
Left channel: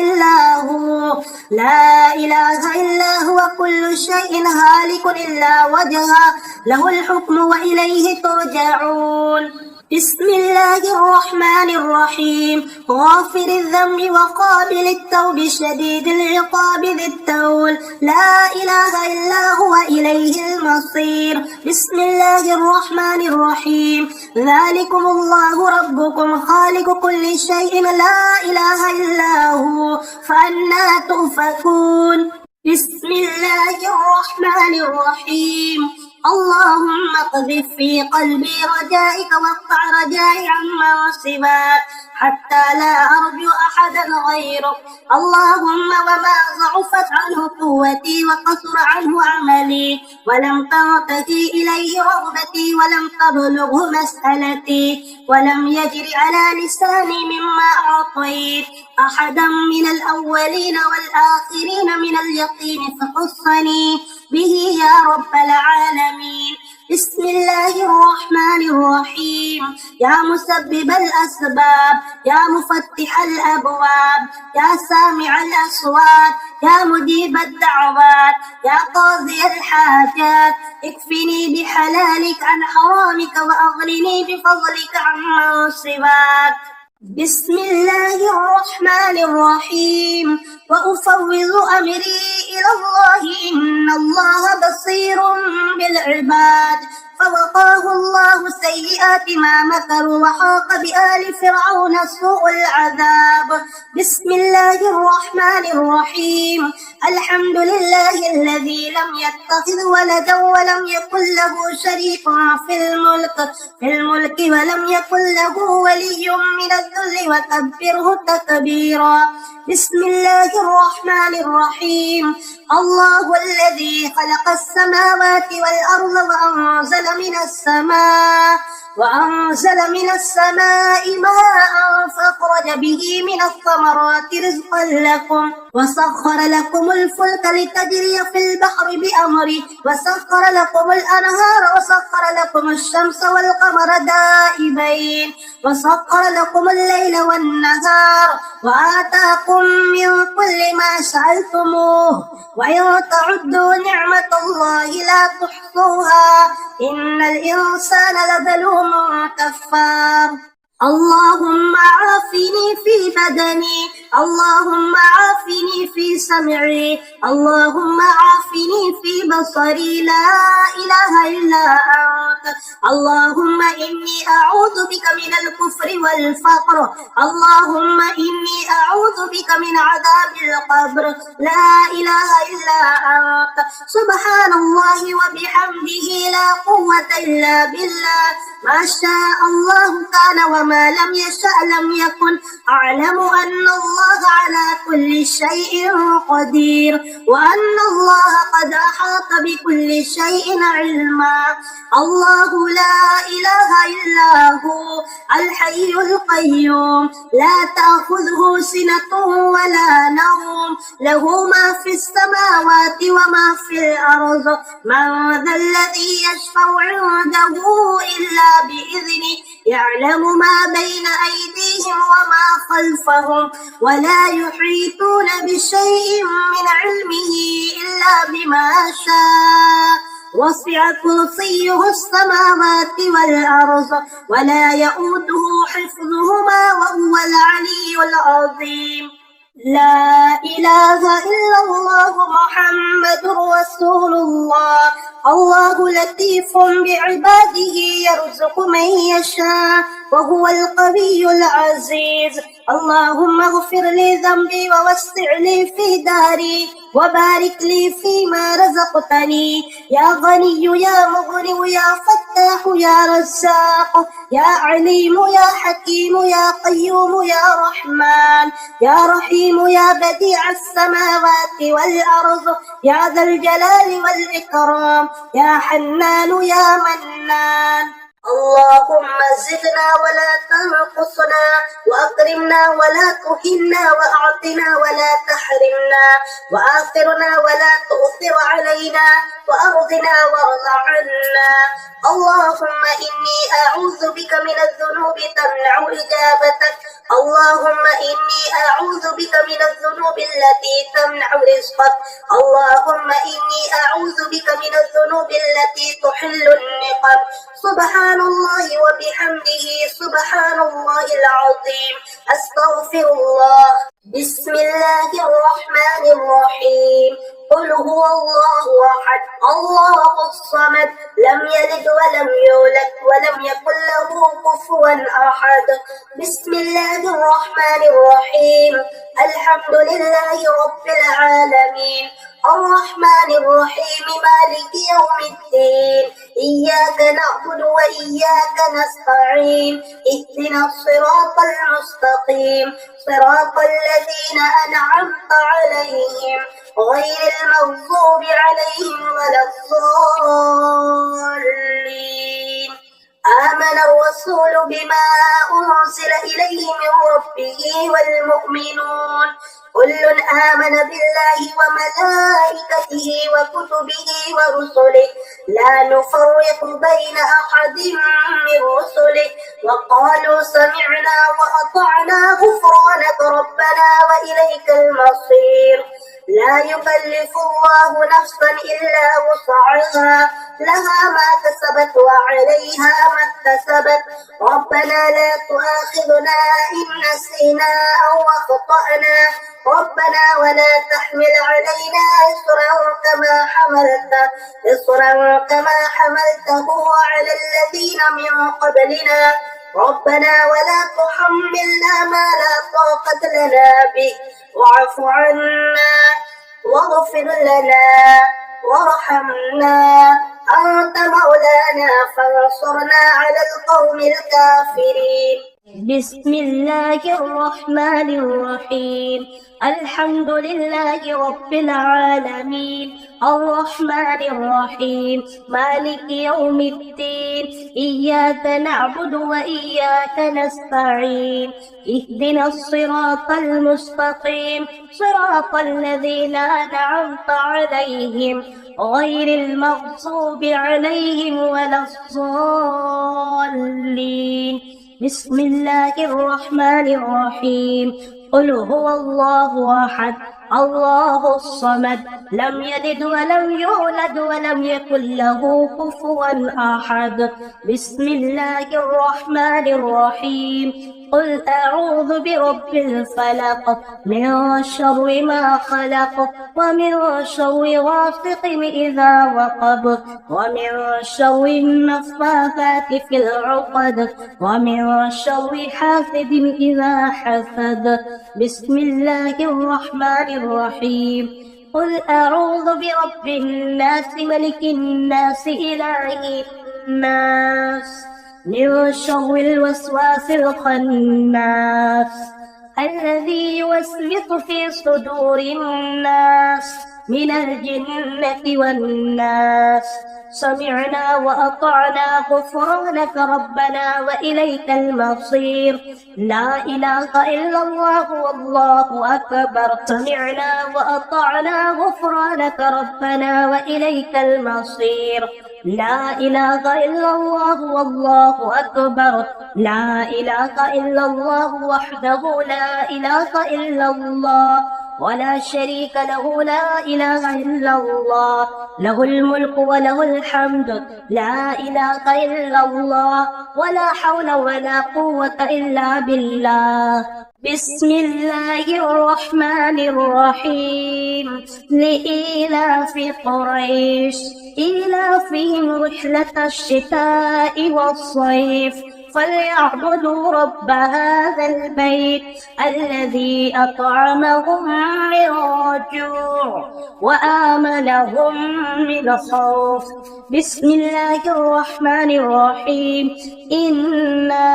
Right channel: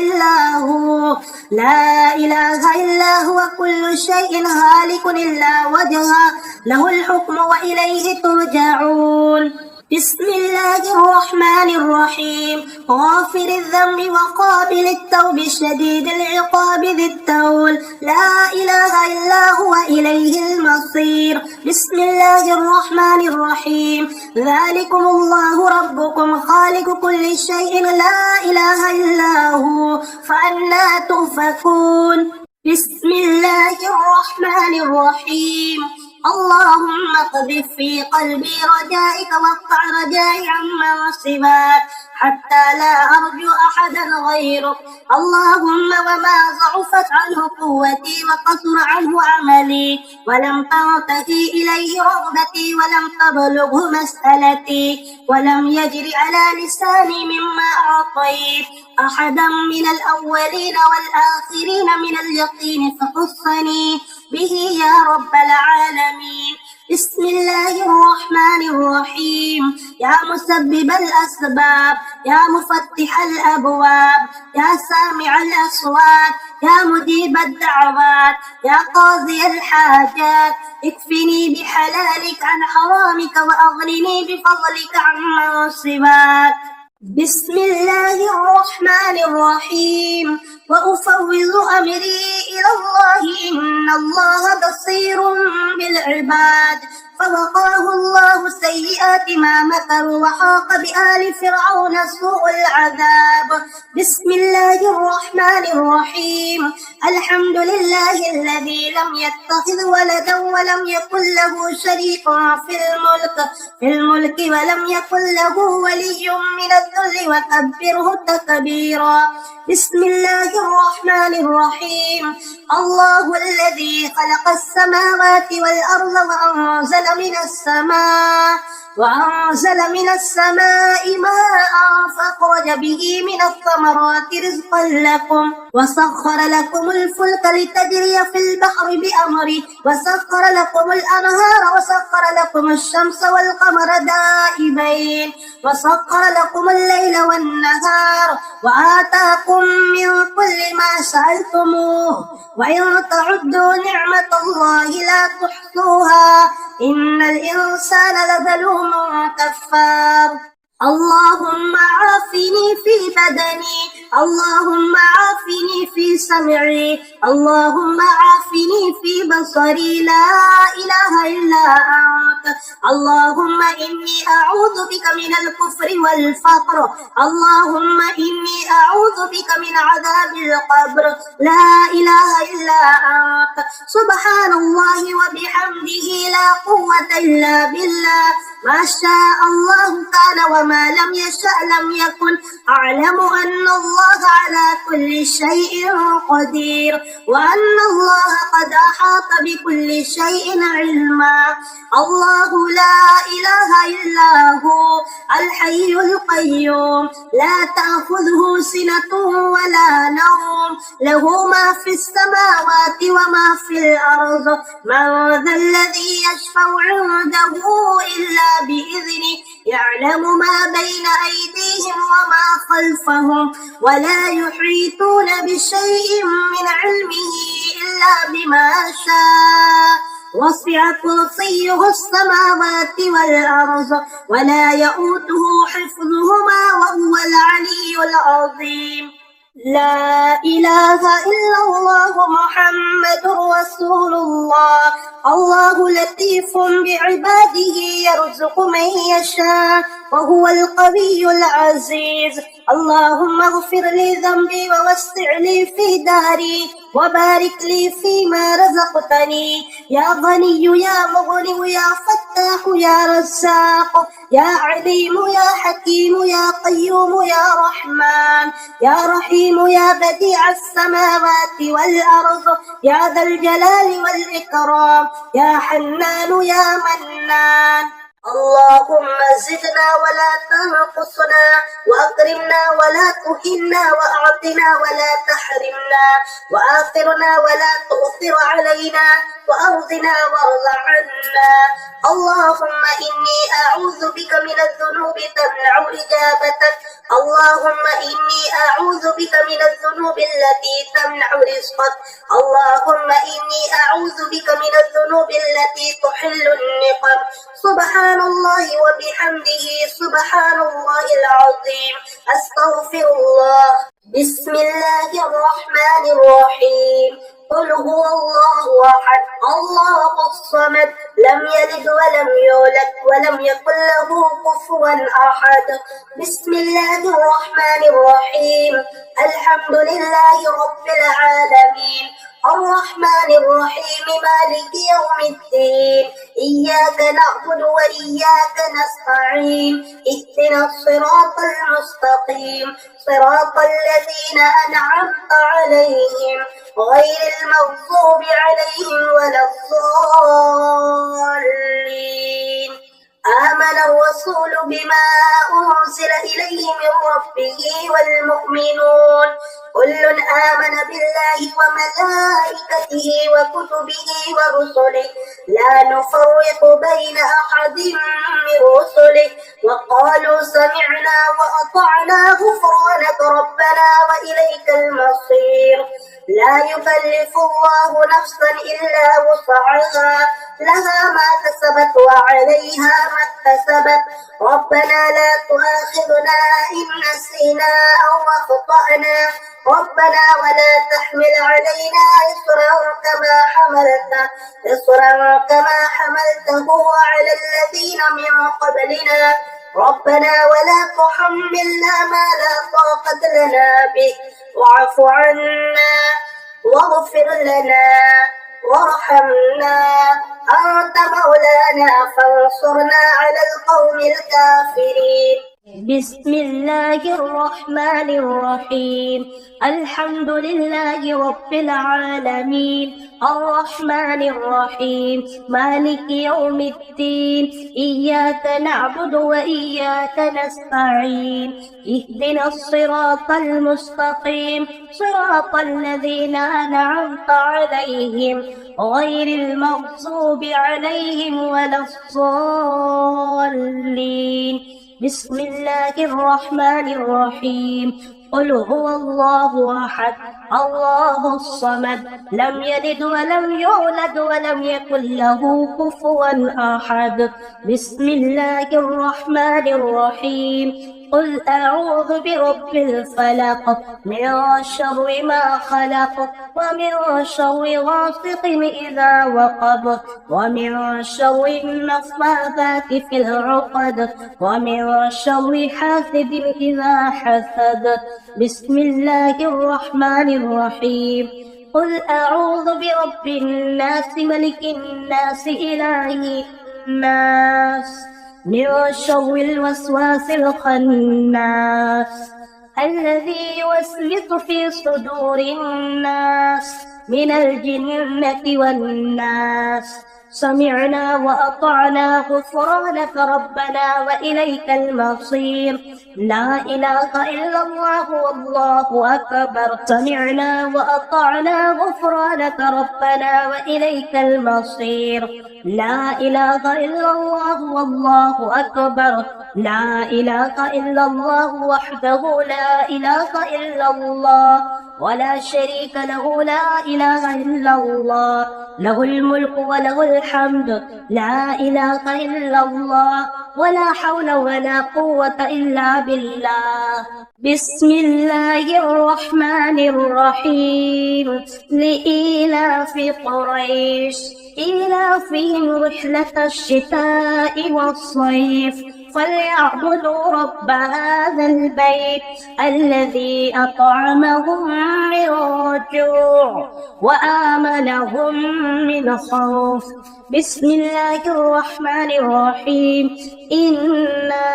إلا هو كل شيء هالك إلا وجهه له الحكم وإليه ترجعون بسم الله الرحمن الرحيم غافر الذنب وقابل التوب شديد العقاب ذي الطول لا إله إلا هو إليه المصير بسم الله الرحمن الرحيم ذلكم الله ربكم خالق كل شيء لا إله إلا هو فأنى تؤفكون بسم الله الرحمن الرحيم اللهم اقذف في قلبي رجائك واقطع رجائي عما سواك حتى لا أرجو أحدا غيرك اللهم وما ضعفت عنه قوتي وقصر عنه عملي ولم ترتقي إليه رغبتي ولم تبلغه مسألتي ولم يجر على لساني مما أعطيت أحدا من الأولين والآخرين من اليقين فخصني به يا رب العالمين بسم الله الرحمن الرحيم يا مسبب الأسباب يا مفتح الأبواب يا سامع الأصوات يا مجيب الدعوات يا قاضي الحاجات اكفني بحلالك عن حرامك وأغنني بفضلك عمن سواك بسم الله الرحمن الرحيم وأفوض أمري إلى الله إن الله بصير بالعباد فوقاه الله سيئات ما مكروا وحاق بآل فرعون سوء العذاب بسم الله الرحمن الرحيم الحمد لله الذي لم يتخذ ولدا ولم يكن له شريك في الملك ولم يكن له ولي من الذل وكبره تكبيرا بسم الله الرحمن الرحيم الله الذي خلق السماوات والأرض وأنزل من السماء وأنزل من السماء ماء فأخرج به من الثمرات رزقا لكم وسخر لكم الفلك لتجري في البحر بأمره وسخر لكم الأنهار وسخر لكم الشمس والقمر دائبين وسخر لكم الليل والنهار وآتاكم من كل ما سألتموه وإن تعدوا نعمة الله لا تحصوها إن الإنسان لظلوم كفار اللهم عافني في بدني اللهم عافني في سمعي اللهم عافني في بصري لا إله إلا أنت اللهم إني أعوذ بك من الكفر والفقر اللهم إني أعوذ بك من عذاب القبر لا إله إلا أنت سبحان الله وبحمده لا قوة إلا بالله ما شاء الله كان وما لم يشأ لم يكن أعلم أن الله على كل شيء قدير وأن الله قد أحاط بكل شيء علما الله لا إله إلا هو الحي القيوم لا تأخذه سنة ولا نوم له ما في السماوات وما في الأرض من ذا الذي يشفع عنده إلا بإذنه يعلم ما بين أيديهم وما خلفهم ولا يحيطون بشيء من علمه إلا بما شاء وسع كرسيه السماوات والأرض ولا يؤوده حفظهما وهو العلي العظيم لا إله إلا الله محمد رسول الله الله لطيف بعباده يرزق من يشاء وهو القوي العزيز اللهم اغفر لي ذنبي ووسع لي في داري وبارك لي فيما رزقتني يا غني يا مغني يا فتاح يا رزاق يا عليم يا حكيم يا قيوم يا رحمن يا رحيم يا بديع السماوات والأرض يا ذا الجلال والإكرام يا حنان يا منان اللهم زدنا ولا تنقصنا وأكرمنا ولا تهنا وأعطنا ولا تحرمنا وآثرنا ولا تؤثر علينا وأرضنا وارض عنا اللهم إني أعوذ بك من الذنوب تمنع إجابتك اللهم إني أعوذ بك من الذنوب التي تمنع رزقك اللهم إني أعوذ بك من الذنوب التي تحل النقم سبحان الله وبحمده سبحان الله العظيم أستغفر الله بسم الله الرحمن الرحيم قل هو الله أحد الله الصمد لم يلد ولم يولد ولم يكن له كفوا أحد بسم الله الرحمن الرحيم الحمد لله رب العالمين الرحمن الرحيم مالك يوم الدين إياك نعبد وإياك نستعين اهدنا الصراط المستقيم صراط الذين أنعمت عليهم غير المغضوب عليهم ولا الضالين آمن الرسول بما أنزل إليه من ربه والمؤمنون كل آمن بالله وملائكته وكتبه ورسله لا نفرق بين أحد من رسله وقالوا سمعنا وأطعنا غفرانك ربنا وإليك المصير لا يكلف الله نفسا إلا وسعها لها ما كسبت وعليها ما اكتسبت ربنا لا تؤاخذنا إن نسينا أو أخطأنا ربنا ولا تحمل علينا إصرا كما حملته على الذين من قبلنا ربنا ولا تحملنا ما لا طاقة لنا به واعف عنا واغفر لنا وارحمنا أنت مولانا ربنا فانصرنا على القوم الكافرين. بسم الله الرحمن الرحيم. الحمد لله رب العالمين الرحمن الرحيم مالك يوم الدين إياك نعبد وإياك نستعين اهدنا الصراط المستقيم صراط الذين أنعمت عليهم غير المغضوب عليهم ولا الضالين. بسم الله الرحمن الرحيم. قل هو الله أحد الله الصمد لم يلد ولم يولد ولم يكن له كفوا أحد. بسم الله الرحمن الرحيم. قل أعوذ برب الفلق من شر ما خلق ومن شر غاسق إذا وقب ومن شر النفاثات في العقد ومن شر حاسد إذا حسد. بسم الله الرحمن الرحيم. قل أعوذ برب الناس ملك الناس إله الناس من شر الوسواس الخناس الذي يوسوس في صدور الناس من الجنة والناس. سمعنا وأطعنا غفرانك ربنا وإليك المصير. لا إله إلا الله والله أكبر. سمعنا وأطعنا غفرانك ربنا وإليك المصير. لا إله إلا الله والله أكبر. لا إله إلا الله وحده لا إله إلا الله ولا شريك له. لا إله إلا الله له الملك وله الحمد. لا إله إلا الله ولا حول ولا قوة إلا بالله. بسم الله الرحمن الرحيم. لإيلاف قريش إيلافهم رحلة الشتاء والصيف فليعبدوا رب هذا البيت الذي أطعمهم من جوع وآمنهم من خوف. بسم الله الرحمن الرحيم. إنا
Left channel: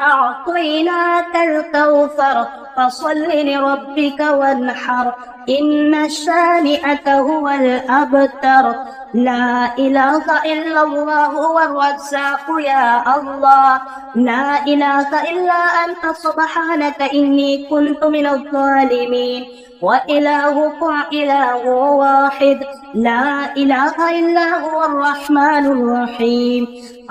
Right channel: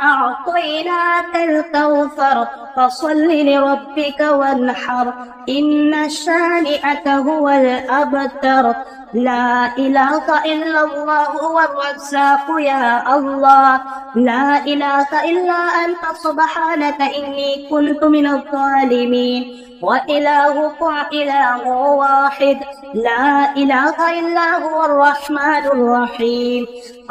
أعطيناك الكوثر فصل لربك وانحر إن شانئك هو الأبتر. لا إله إلا الله هو الرزاق يا الله. لا إله إلا أنت سبحانك إني كنت من الظالمين. وإلهكم إله واحد لا إله إلا هو الرحمن الرحيم.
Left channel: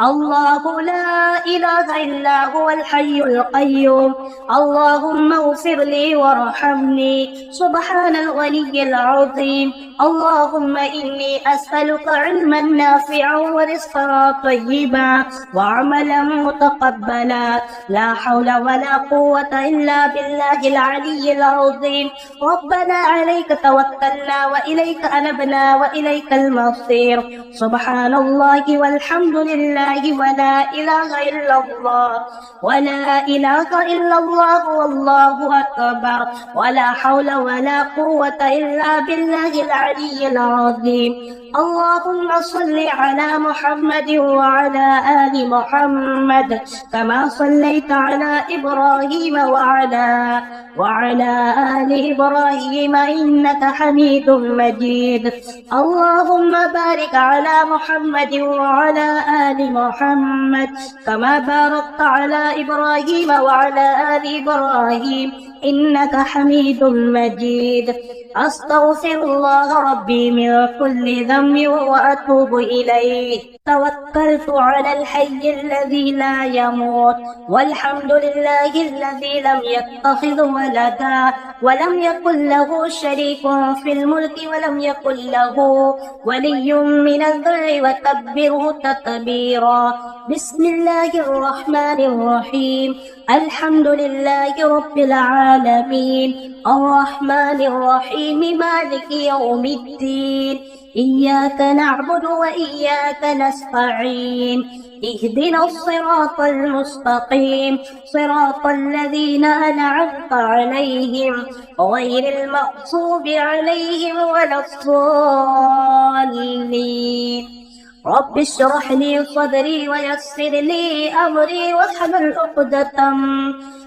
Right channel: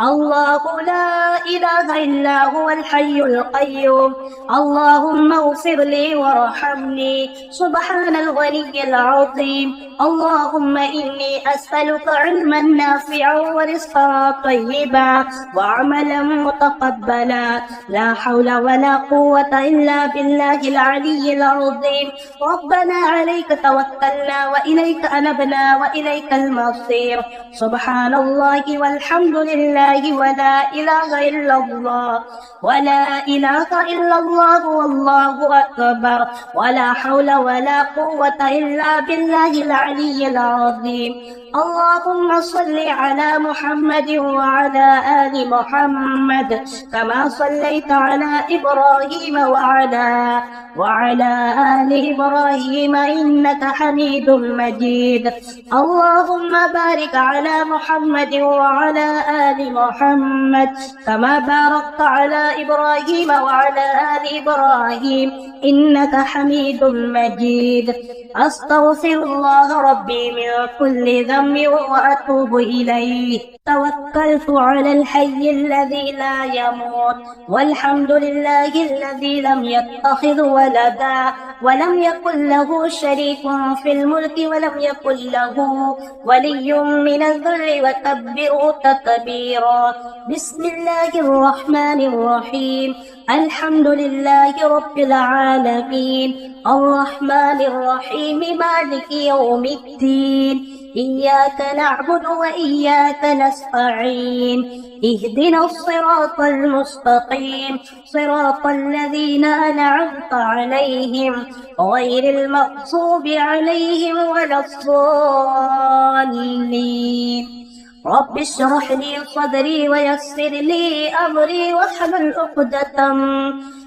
الله لا إله إلا هو الحي القيوم. اللهم اغفر لي وارحمني سبحان الغني العظيم. اللهم إني أسألك علما نافعا ورزقا طيبا وعملا متقبلا. لا حول ولا قوة إلا بالله العلي العظيم. ربنا عليك توكلنا وإليك أنبنا وإليك المصير. سبحان الله والحمد لله ولا إله إلا الله ولا إله إلا الله والله أكبر ولا حول ولا قوة إلا بالله العلي العظيم. اللهم صل على محمد وعلى آل محمد كما صليت على إبراهيم وعلى آل إبراهيم إنك حميد مجيد. اللهم بارك على محمد وعلى آل محمد كما باركت على إبراهيم وعلى آل إبراهيم إنك حميد مجيد. أستغفر الله ربي من كل ذنب وأتوب إليه. توكلت على الحي الذي لا يموت والحمد لله الذي لم يتخذ ولدا ولم يكن له شريك في الملك ولم يكن له ولي من الذل وكبره تكبيرا. بسم الله الرحمن الرحيم. الحمد لله رب العالمين الرحمن الرحيم مالك يوم الدين إياك نعبد وإياك نستعين اهدنا الصراط المستقيم صراط الذين أنعمت عليهم غير المغضوب عليهم ولا الضالين. رب اشرح لي صدري ويسر لي أمري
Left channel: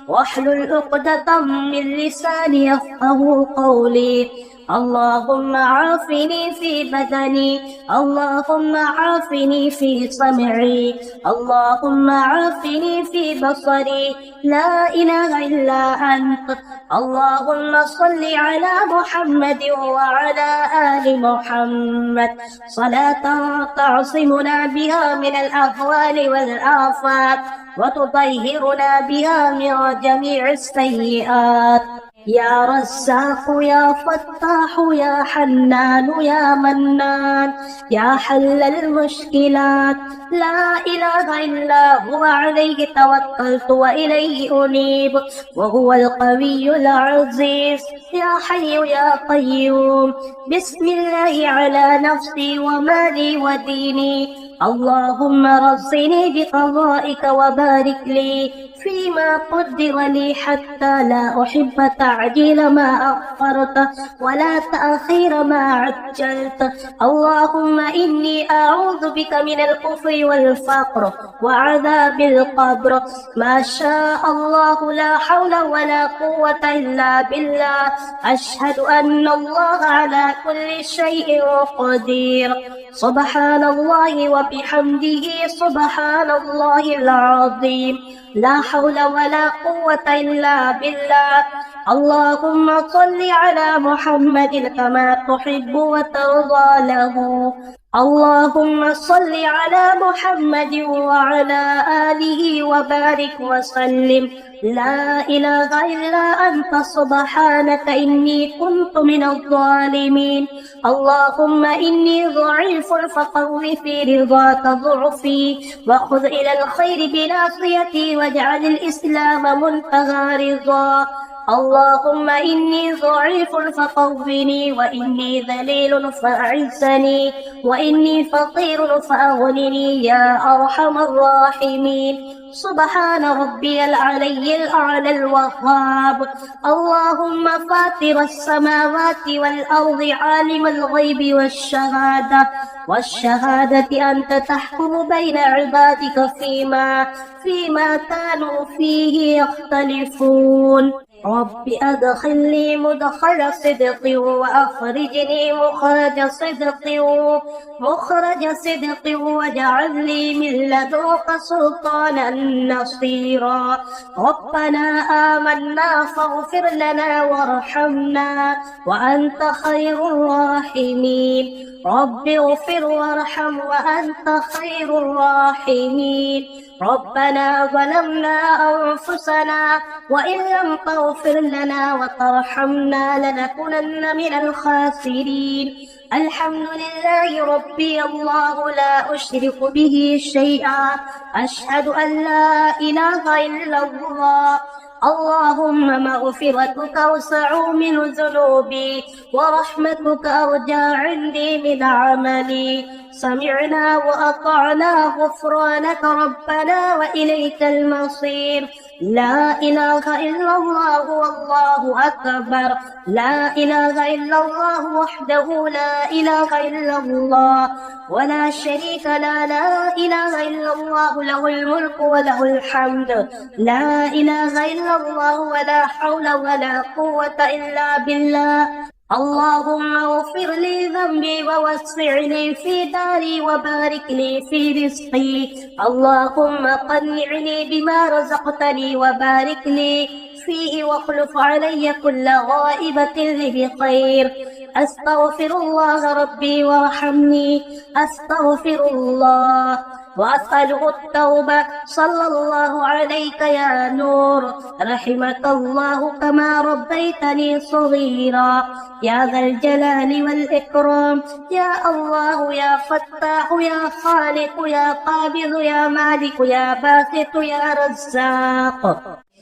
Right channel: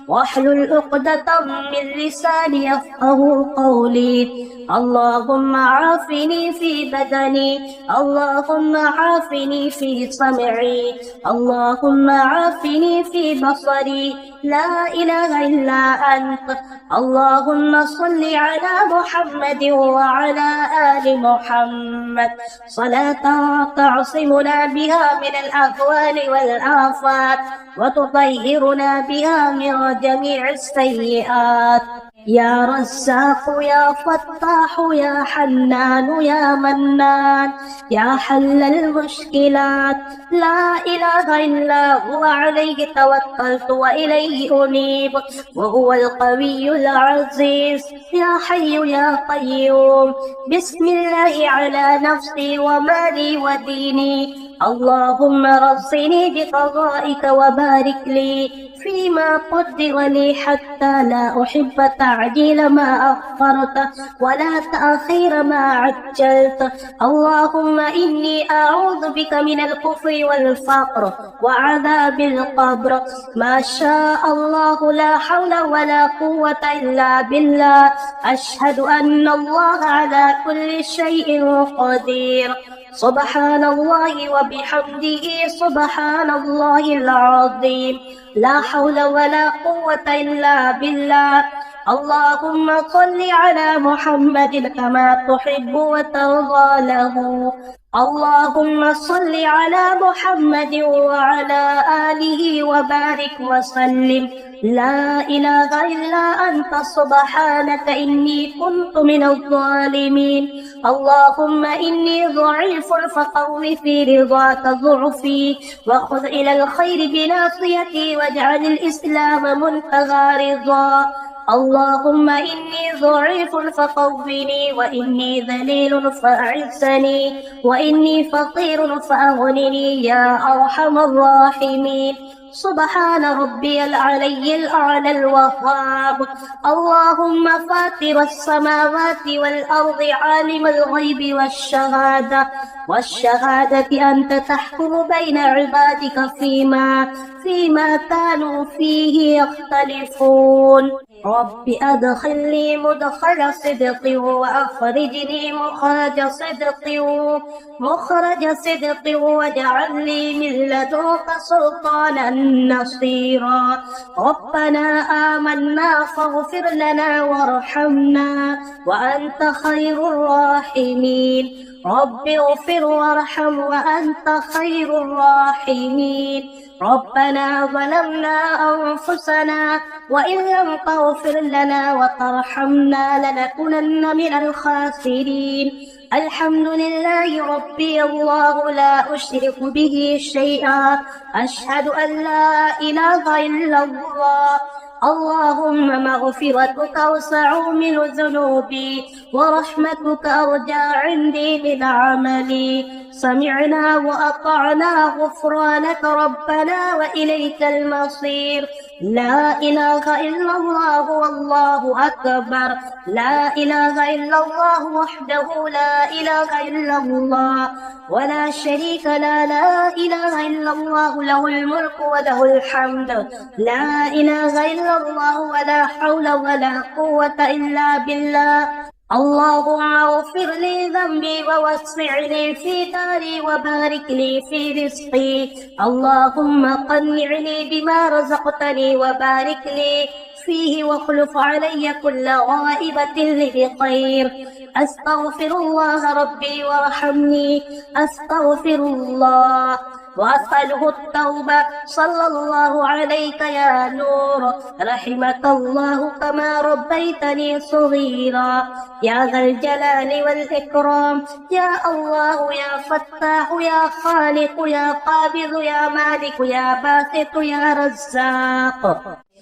واحلل عقدة من لساني يفقه قولي. اللهم عافني في بدني، اللهم عافني في سمعي، اللهم عافني في بصري، لا إله إلا أنت. اللهم صل على محمد وعلى آل محمد صلاة تعصمنا بها من الأهوال والآفات وتطهرنا بها من جميع السيئات. يا رزاق يا فتاح يا حنان يا منان يا حل المشكلات، لا إله إلا هو عليه توكلت وإليه أنيب وهو القوي العزيز. يا حي يا قيوم، بسم الله على نفسي ومالي وديني. اللهم رزقني بقضائك وبارك لي فيما قدر لي حتى لا أحب تعجيل ما أخرت ولا تأخير ما عجلت. اللهم إني أعوذ بك من الكفر والفقر وعذاب القبر. ما شاء الله لا حول ولا قوة إلا بالله. أشهد أن الله على كل شيء قدير. سبحان الله وبحمده سبحان الله العظيم. لا حول ولا قوة إلا بالله. اللهم صل على محمد كما تحب وترضى له. اللهم صل على محمد وعلى آله وبارك وسلم. لا إله إلا أنت سبحانك إني كنت من الظالمين. اللهم إني ضعيف فقو في رضاك ضعفي وخذ إلى الخير بناصيتي واجعل الإسلام منتهى رضا. اللهم إني ضعيف فقوّني وإني ذليل فأعزني وإني فقير فأغنني يا أرحم الراحمين. سبحان ربي العلي الأعلى الوهاب. اللهم فاطر السماوات والأرض عالم الغيب والشهادة أنت تحكم بين عبادك فيما كانوا فيه يختلفون. رب أدخلني مدخل صدق وأخرجني مخرج صدق واجعل لي من لدنك سلطانا نصيرا. ربنا آمنا فاغفر لنا وارحمنا وأنت خير الراحمين. رب اغفر وارحم وأنت خير الراحمين. ربنا ظلمنا أنفسنا وإن لم تغفر لنا وترحمنا لنكونن من الخاسرين. الحمد لله ربي الله لا أشرك به شيئا. أشهد أن لا إله إلا الله. اللهم مغفرتك أوسع من ذنوبي ورحمتك أرجى عندي من عملي. سمعنا وأطعنا غفرانك ربنا وإليك المصير. لا إله إلا الله والله أكبر. لا إله إلا الله وحده لا إله إلا الله ولا شريك له. لا إله إلا الله له الملك وله الحمد. لا إله إلا الله ولا حول ولا قوة إلا بالله. اللهم اغفر لي ذنبي ووسع لي في داري وبارك لي في رزقي. اللهم قنعني بما رزقتني وبارك لي فيه واخلف علي كل غائبة بخير. أستغفر الله ربي وارحمني. أستغفر الله وأسأله التوبة. صلى الله عليك يا نور. رحمك الله كما ربيتني صغيرا. يا ذا الجلال والإكرام. يا الله يا فتاح يا خالق يا قابض يا مالك يا باسط يا رزاق.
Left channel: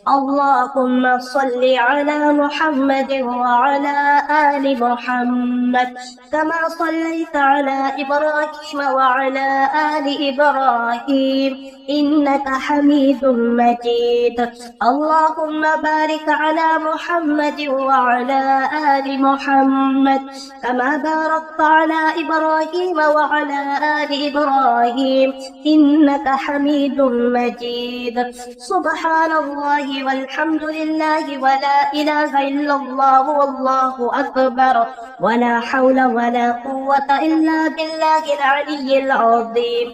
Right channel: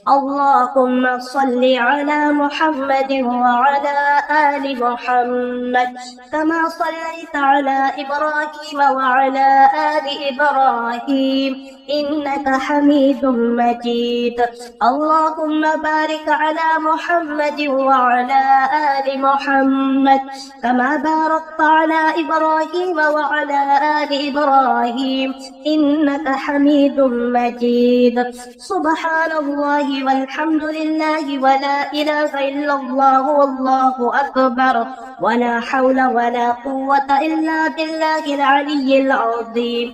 اللهم صل على محمد وعلى آل محمد كما صليت على إبراهيم وعلى آل إبراهيم إنك حميد مجيد. اللهم بارك على محمد وعلى آل محمد كما باركت على إبراهيم وعلى آل إبراهيم إنك حميد مجيد. سبحان الله والحمد لله ولا إله إلا الله والله أكبر ولا حول ولا قوة إلا بالله العلي العظيم.